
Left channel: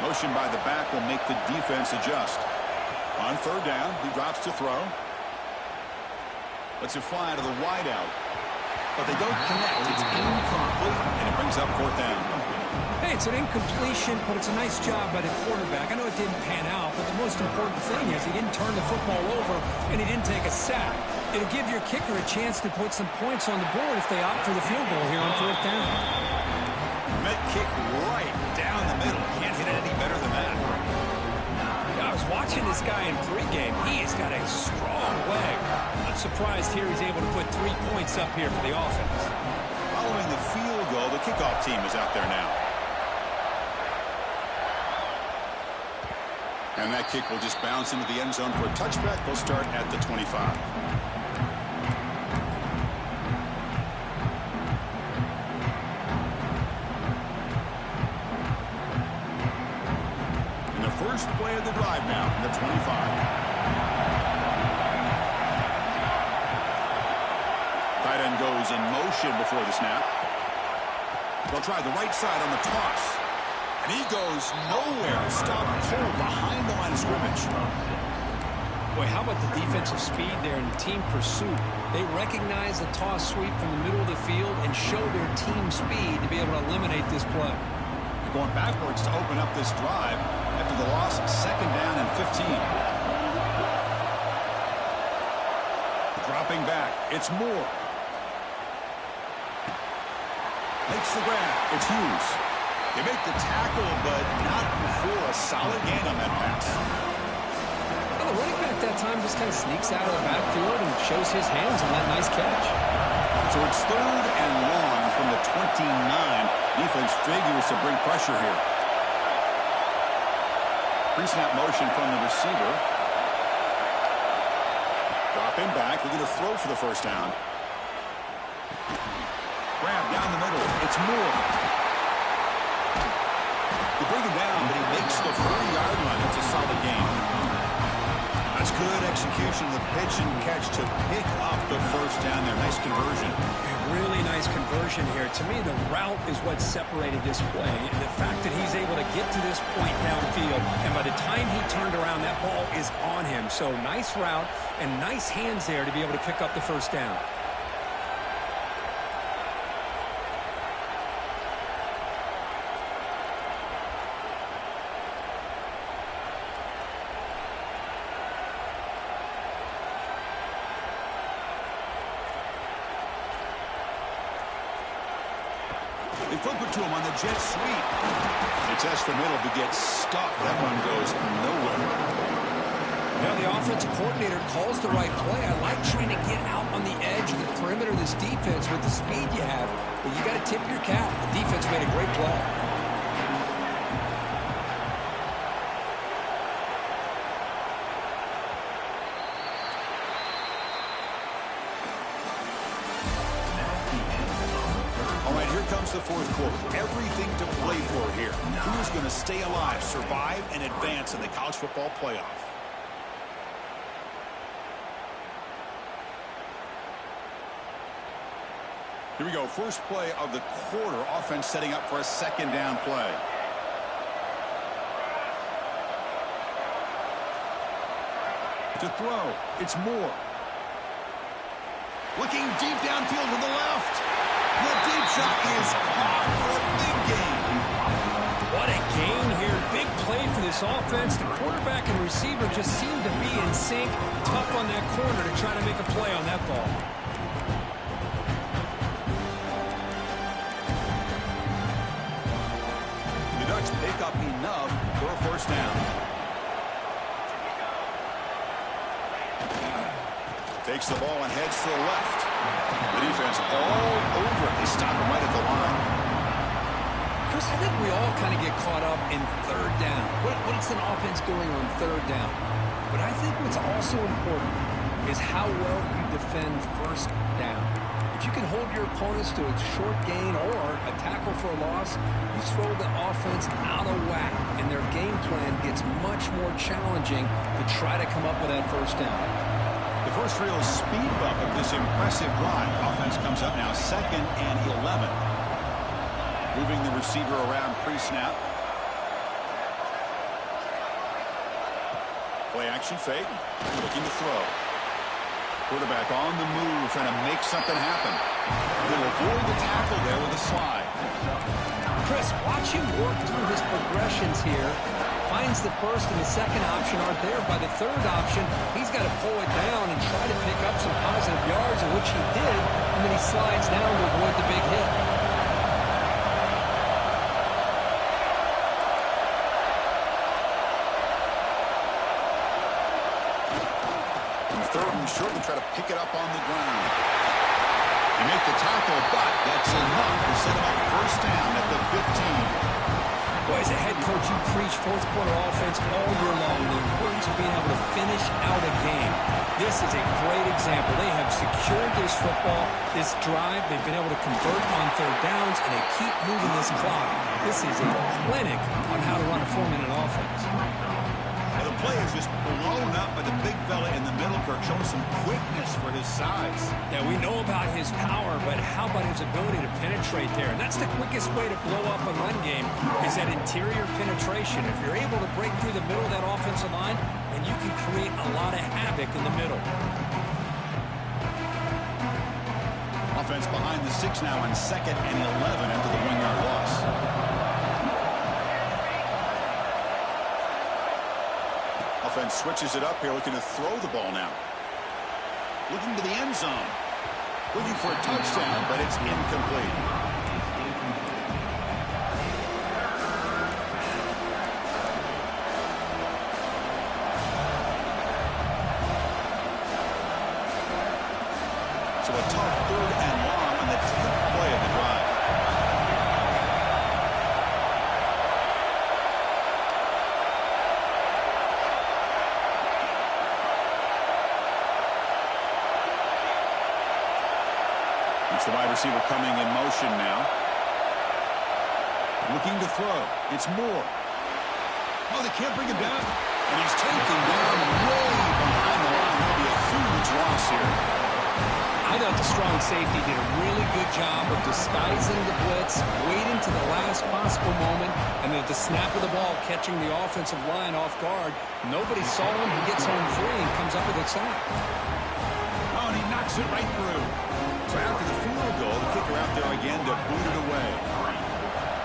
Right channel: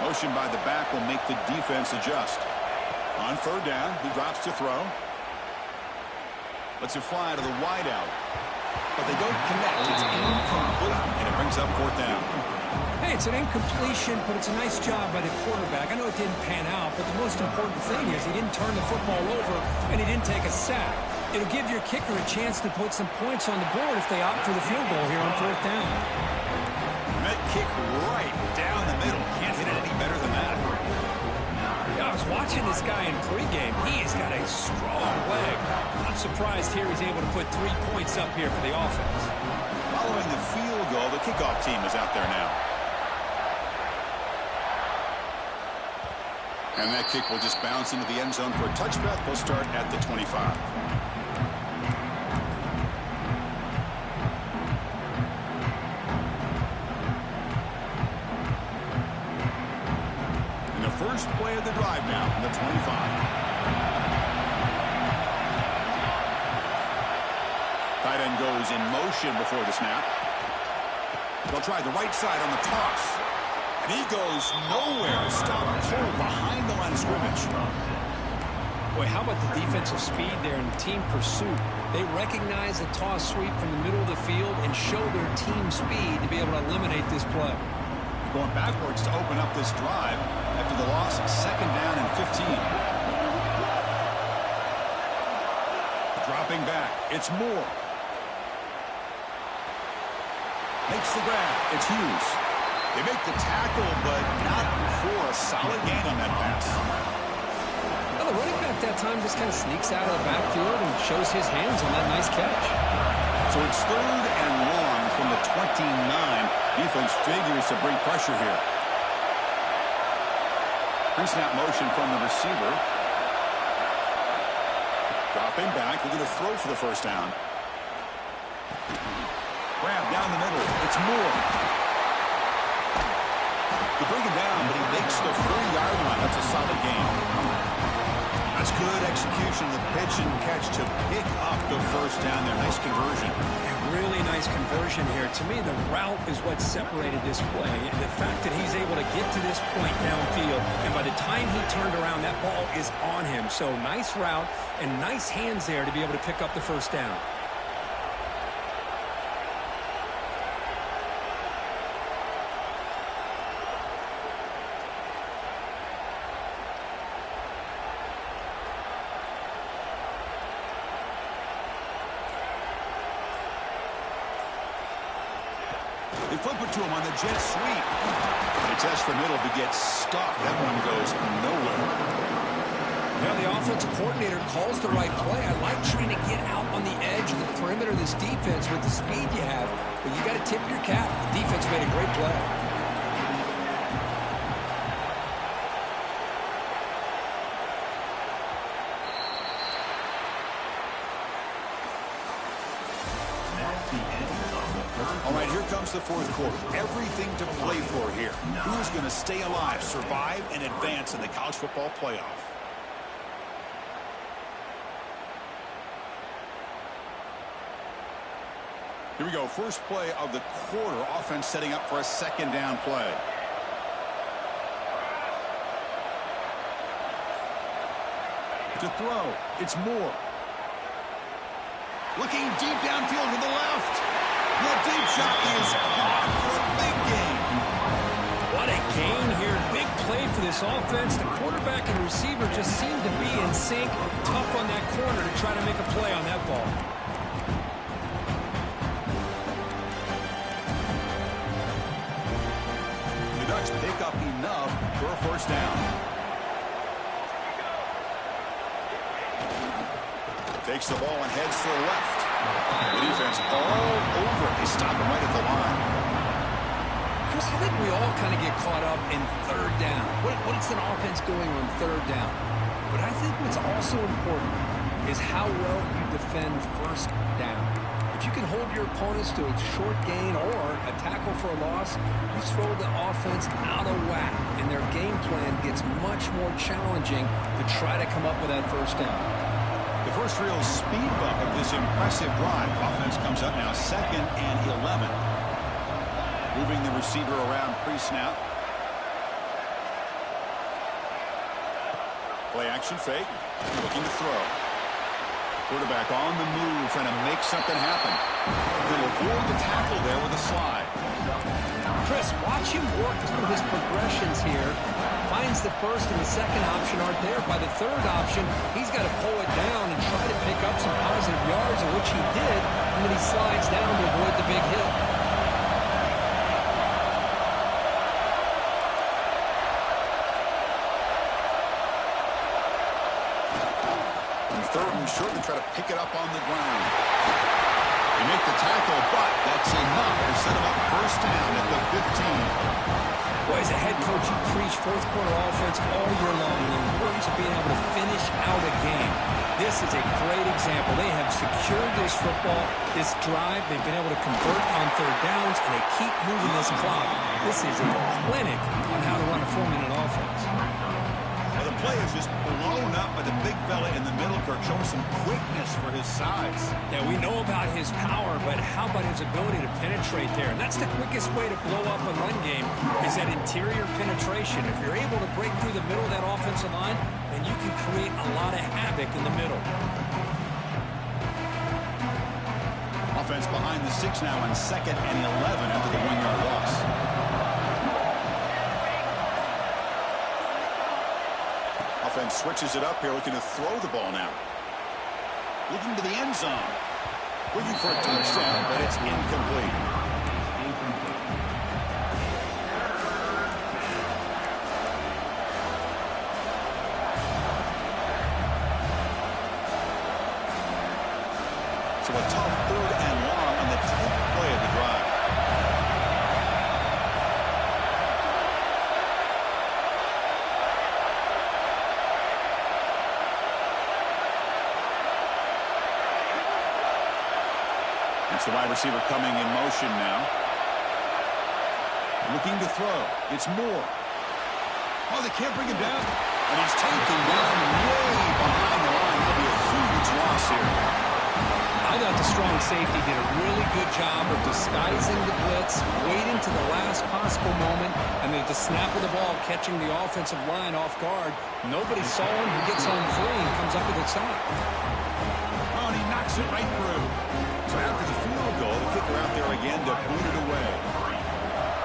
Motion by the back will make the defense adjust. On third down, he drops to throw. Lets it fly to the wideout. But they don't connect. It's incomplete, and it brings up 4th down. Hey, it's an incompletion, but it's a nice job by the quarterback. I know it didn't pan out, but the most important thing is he didn't turn the football over, and he didn't take a sack. It'll give your kicker a chance to put some points on the board if they opt for the field goal here on 4th down. That kick right down the middle. Can't hit it any better than that. Yeah, I was watching this guy in pregame. He has got a strong leg. I'm surprised here he's able to put 3 points up here for the offense. Following the field goal, the kickoff team is out there now. And that kick will just bounce into the end zone for a touchback. They'll start at the 25. And the first play of the drive now from the 25. Tight end goes in motion before the snap. They'll try the right side on the toss. And he goes nowhere. Stop cold behind the line of scrimmage. Boy, how about the defensive speed there in team pursuit? They recognize the toss sweep from the middle of the field and show their team speed to be able to eliminate this play. Going backwards to open up this drive after the loss, 2nd down and 15. Dropping back. It's Moore. Makes the grab. It's Hughes. They make the tackle, but not before a solid gain on that pass. Well, the running back that time just kind of sneaks out of the backfield and shows his hands on that nice catch. So it's 3rd and long from the 29. Defense figures to bring pressure here. Pre-snap motion from the receiver. Dropping back. Looking to throw for the first down. Grab down the middle. It's Moore. They bring him down, but he makes the 40-yard line. That's a solid gain. That's good execution of the pitch and catch to pick up the first down there. Nice conversion. A really nice conversion here. To me, the route is what separated this play. And the fact that he's able to get to this point downfield, and by the time he turned around, that ball is on him. So nice route and nice hands there to be able to pick up the first down. They flip it to him on the jet sweep. It's Espinal who gets stuck. That one goes nowhere. Now the offensive coordinator calls the right play. I like trying to get out on the edge of the perimeter of this defense with the speed you have, but you got to tip your cap. The defense made a great play. All right, here comes the fourth quarter. Everything to play for here. Who's going to stay alive, survive, and advance in the college football playoff? Here we go. First play of the quarter. Offense setting up for a second down play. To throw. It's Moore. Looking deep downfield to the left. The deep shot is caught for a big gain. What a gain here. Big play for this offense. The quarterback and receiver just seem to be in sync. Tough on that corner to try to make a play on that ball. The Ducks pick up enough for a first down. Takes the ball and heads to the left. The defense all over it. They stop him right at the line. Chris, I think we all kind of get caught up in third down. What's an offense doing on third down? But I think what's also important is how well you defend first down. If you can hold your opponents to a short gain or a tackle for a loss, you throw the offense out of whack, and their game plan gets much more challenging to try to come up with that first down. The first real speed bump of this impressive drive. Offense comes up now 2nd and 11. Moving the receiver around pre-snap. Play action fake. Looking to throw. Quarterback on the move, trying to make something happen. He'll avoid the tackle there with a slide. Chris, watch him work through his progressions here. Finds the first and the second option aren't there. By the third option, he's got to pull it down and try to pick up some positive yards, of which he did, and then he slides down to avoid the big hit. Third and short and try to pick it up on the ground. They make the tackle, but that's enough to set him up first down at the 15. Boy, as a head coach, you preach fourth quarter offense all year long, the importance of being able to finish out a game. This is a great example. They have secured this football, this drive. They've been able to convert on third downs, and they keep moving this clock. This is a clinic on how to run a 4-minute offense. Well, the play is just blown up by the big fella in the middle, Kirk, showing some quickness for his size. Yeah, we know about his power, but how about his ability to penetrate there? And that's the quickest way to blow up a run game is that interior penetration. If you're able to break through the middle of that offensive line, then you can create a lot of havoc in the middle. Offense behind the 6 now on 2nd and 11 after the 1-yard loss. Offense switches it up here, looking to throw the ball now. Looking to the end zone. Looking for a touchdown, but it's incomplete. So a tough 3rd and long on the 10th play of the drive. It's the wide receiver coming in motion now. Looking to throw. It's Moore. Oh, they can't bring him down. And he's taken down way behind the line. That'll be a huge loss here. I thought the strong safety did a really good job of disguising the blitz, waiting to the last possible moment, and then at the snap of the ball, catching the offensive line off guard. Nobody saw him. He gets home free and comes up with a sack. Oh, and he knocks it right through. So after the field goal, the kicker out there again to boot it away.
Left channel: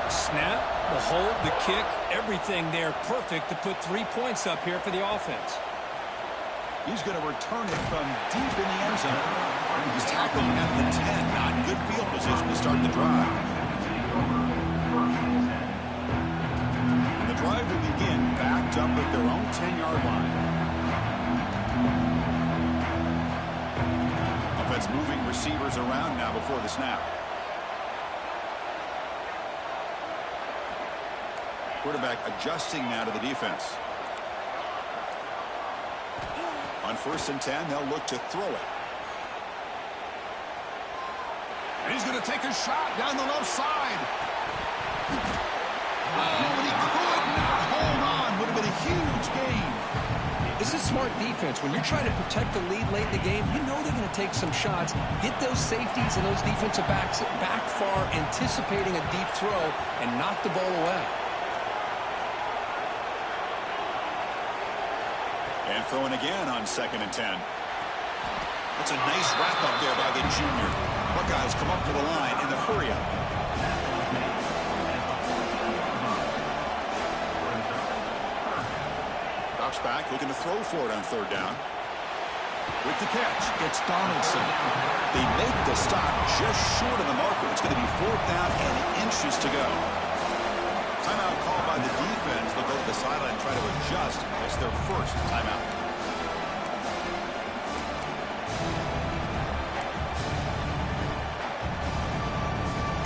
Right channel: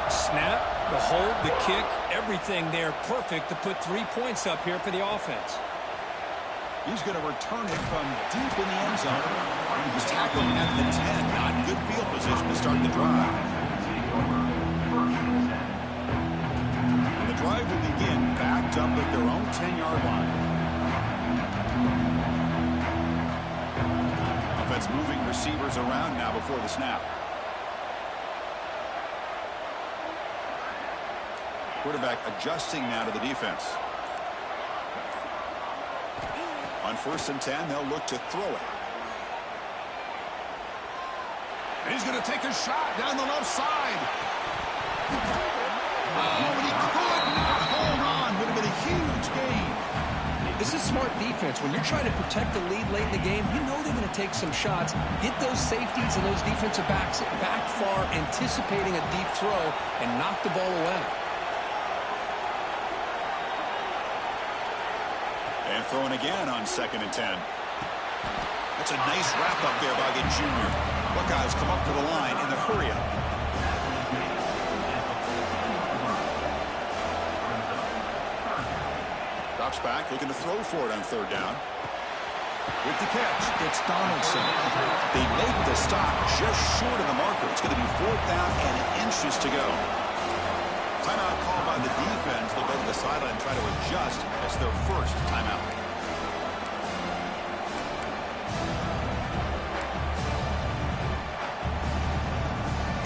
Snap, the hold, the kick, everything there perfect to put 3 points up here for the offense. He's going to return it from deep in the end zone. He's tackled at the 10. Not good field position to start the drive. And the drive will begin backed up at their own 10-yard line. Offense moving receivers around now before the snap. Quarterback adjusting now to the defense. On 1st and 10, they'll look to throw it. And he's going to take a shot down the left side. Oh, but he could not hold on. Would have been a huge gain. This is smart defense. When you're trying to protect the lead late in the game, you know they're going to take some shots, get those safeties and those defensive backs back far, anticipating a deep throw, and knock the ball away. And throwing again on 2nd and 10. That's a nice wrap up there by the junior. Buckeyes come up to the line in the hurry up. Drops back, looking to throw for it on 3rd down. With the catch, it's Donaldson. They make the stop just short of the marker. It's going to be 4th down and inches to go. Timeout called by the defense. They'll go to the sideline and try to adjust. It's their first timeout.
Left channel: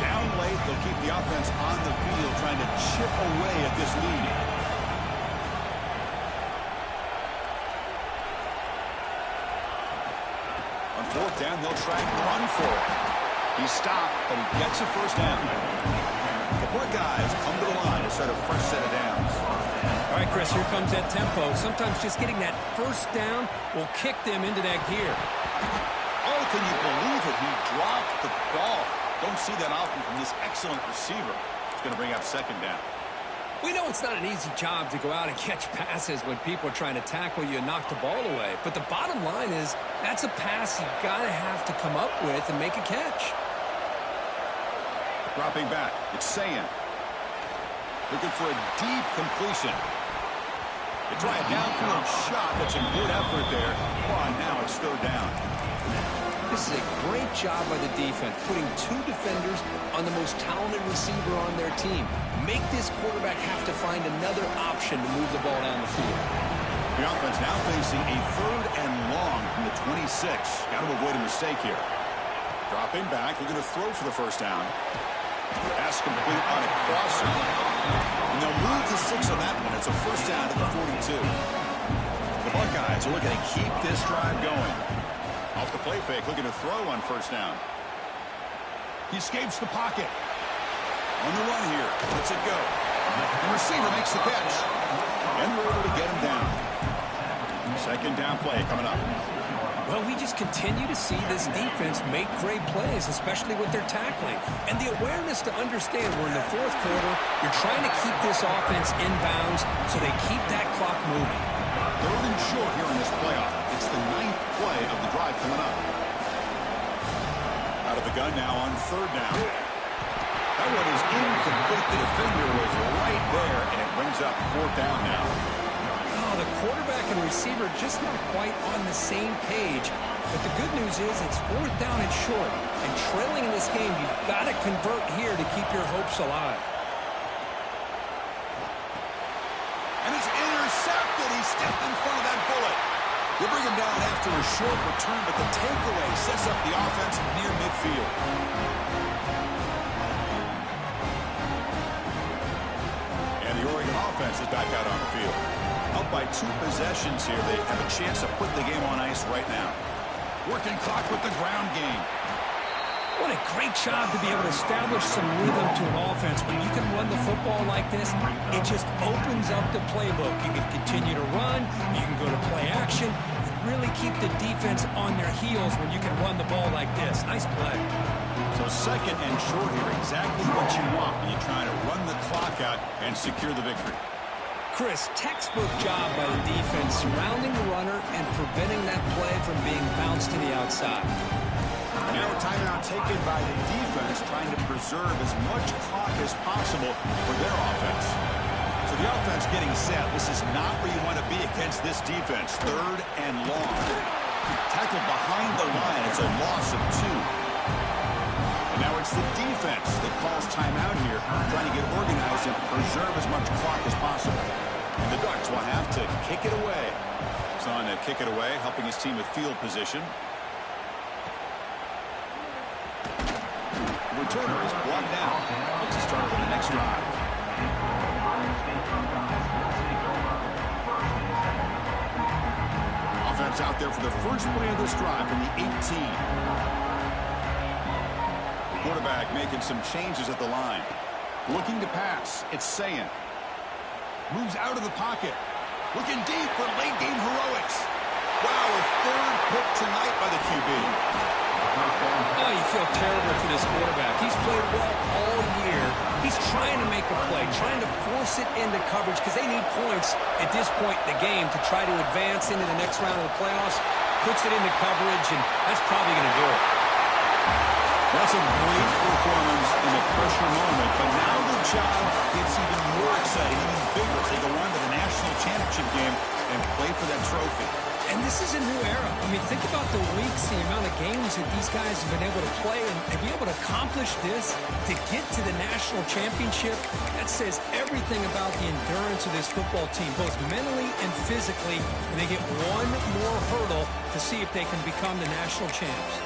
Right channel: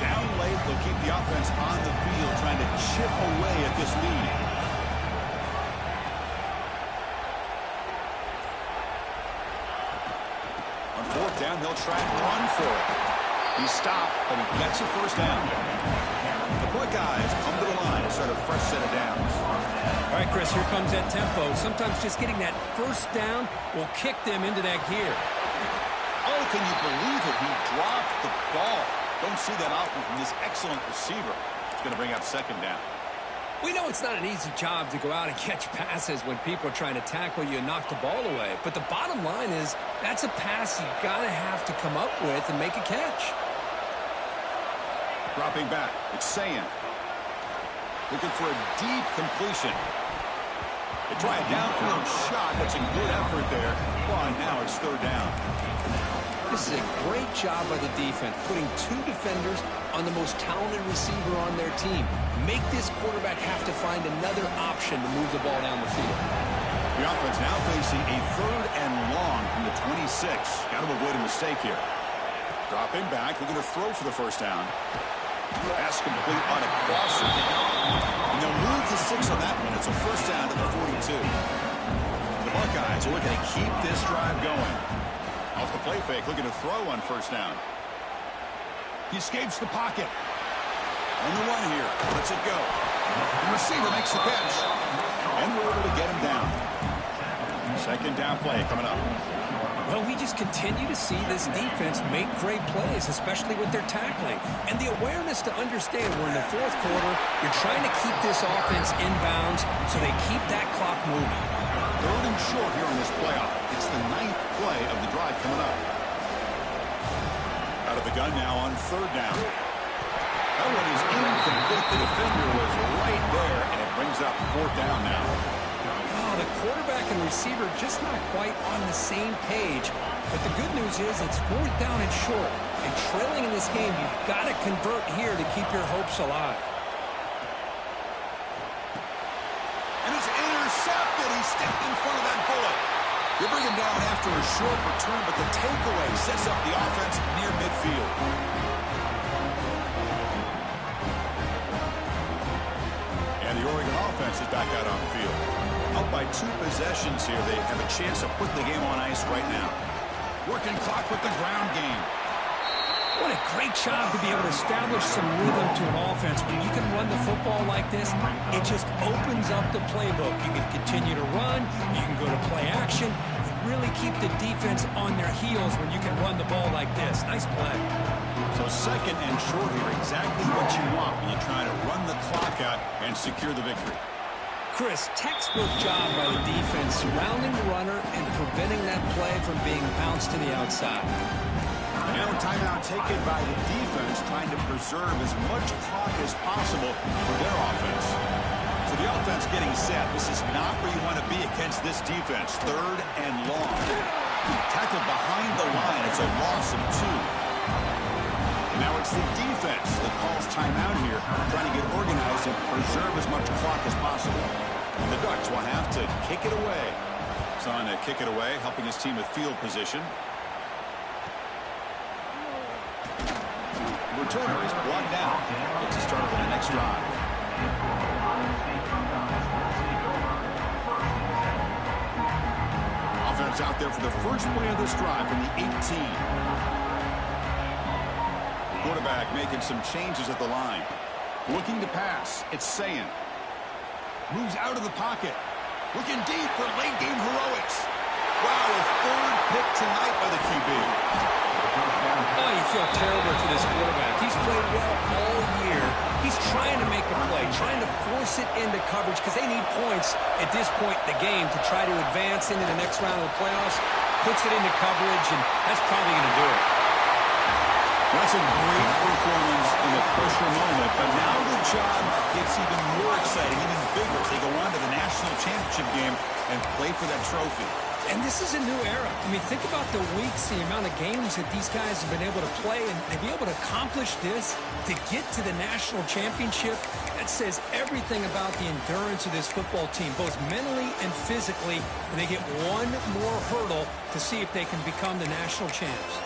Down late, they'll keep the offense on the field trying to chip away at this lead. On 4th down, they'll try and run for it. He stopped, but he gets a 1st down. The Buckeyes come to the line to start a fresh set of downs. All right, Chris, here comes that tempo. Sometimes just getting that 1st down will kick them into that gear. Oh, can you believe it? He dropped the ball. Don't see that often from this excellent receiver. It's going to bring up 2nd down. We know it's not an easy job to go out and catch passes when people are trying to tackle you and knock the ball away. But the bottom line is that's a pass you got to have to come up with and make a catch. Dropping back, it's Sayan. Looking for a deep completion. They try a downfield shot. That's a good effort there. Well, now it's 3rd down. This is a great job by the defense, putting 2 defenders on the most talented receiver on their team. Make this quarterback have to find another option to move the ball down the field. The offense now facing a 3rd and long from the 26. Got to avoid a mistake here. Dropping back, looking to throw for the 1st down. Pass complete on a crosser. And they'll move to 6 on that one. It's a 1st down to the 42. The Buckeyes are looking to keep this drive going. Off the play fake, looking to throw on 1st down. He escapes the pocket. On the run here. Lets it go. The receiver makes the catch. And we're able to get him down. 2nd down play coming up. Well, we just continue to see this defense make great plays, especially with their tackling. And the awareness to understand we're in the 4th quarter, you're trying to keep this offense in bounds so they keep that clock moving. 3rd and short here in this playoff. It's the 9th play of the drive coming up. Out of the gun now on 3rd down. That one is incomplete. The defender was right there, and it brings up 4th down now. Oh, the quarterback and receiver just not quite on the same page. But the good news is it's 4th down and short. And trailing in this game, you've got to convert here to keep your hopes alive. And it's intercepted. He stepped in front of that bullet. They bring him down after a short return, but the takeaway sets up the offense near midfield. And the Oregon offense is back out on the field. Up by 2 possessions here. They have a chance of putting the game on ice right now. Working clock with the ground game. What a Great job to be able to establish some rhythm to an offense. When you can run the football like this, it just opens up the playbook. You can continue to run. You can go to play action. You really keep the defense on their heels when you can run the ball like this. Nice play. So second and short here, exactly what you want when you're trying to run the clock out and secure the victory. Chris, textbook job by the defense surrounding the runner and preventing that play from being bounced to the outside. And now a timeout taken by the defense, trying to preserve as much clock as possible for their offense. So the offense getting set. This is not where you want to be against this defense. Third and long. Tackled behind the line. It's a loss of 2. And now it's the defense that calls timeout here, trying to get organized and preserve as much clock as possible. And the Ducks will have to kick it away. It's on to kick it away, helping his team with field position. Returner is blocked down. Gets a start on the next drive. Offense out there for the first play of this drive from the 18. Quarterback making some changes at the line. Looking to pass. It's Sayin. Moves out of the pocket. Looking deep for late game heroics. Wow, a third pick tonight by the QB. Oh, you feel terrible for this quarterback. He's played well all year. He's trying to make a play, trying to force it into coverage because they need points at this point in the game to try to advance into the next round of the playoffs. Puts it into coverage, and that's probably going to do it. That's a great performance in the pressure moment, but now the job gets even more exciting, even bigger as they go on to the national championship game and play for that trophy. And this is a new era. I mean, think about the weeks, the amount of games that these guys have been able to play, and to be able to accomplish this, to get to the national championship, that says everything about the endurance of this football team, both mentally and physically, and they get one more hurdle to see if they can become the national champs.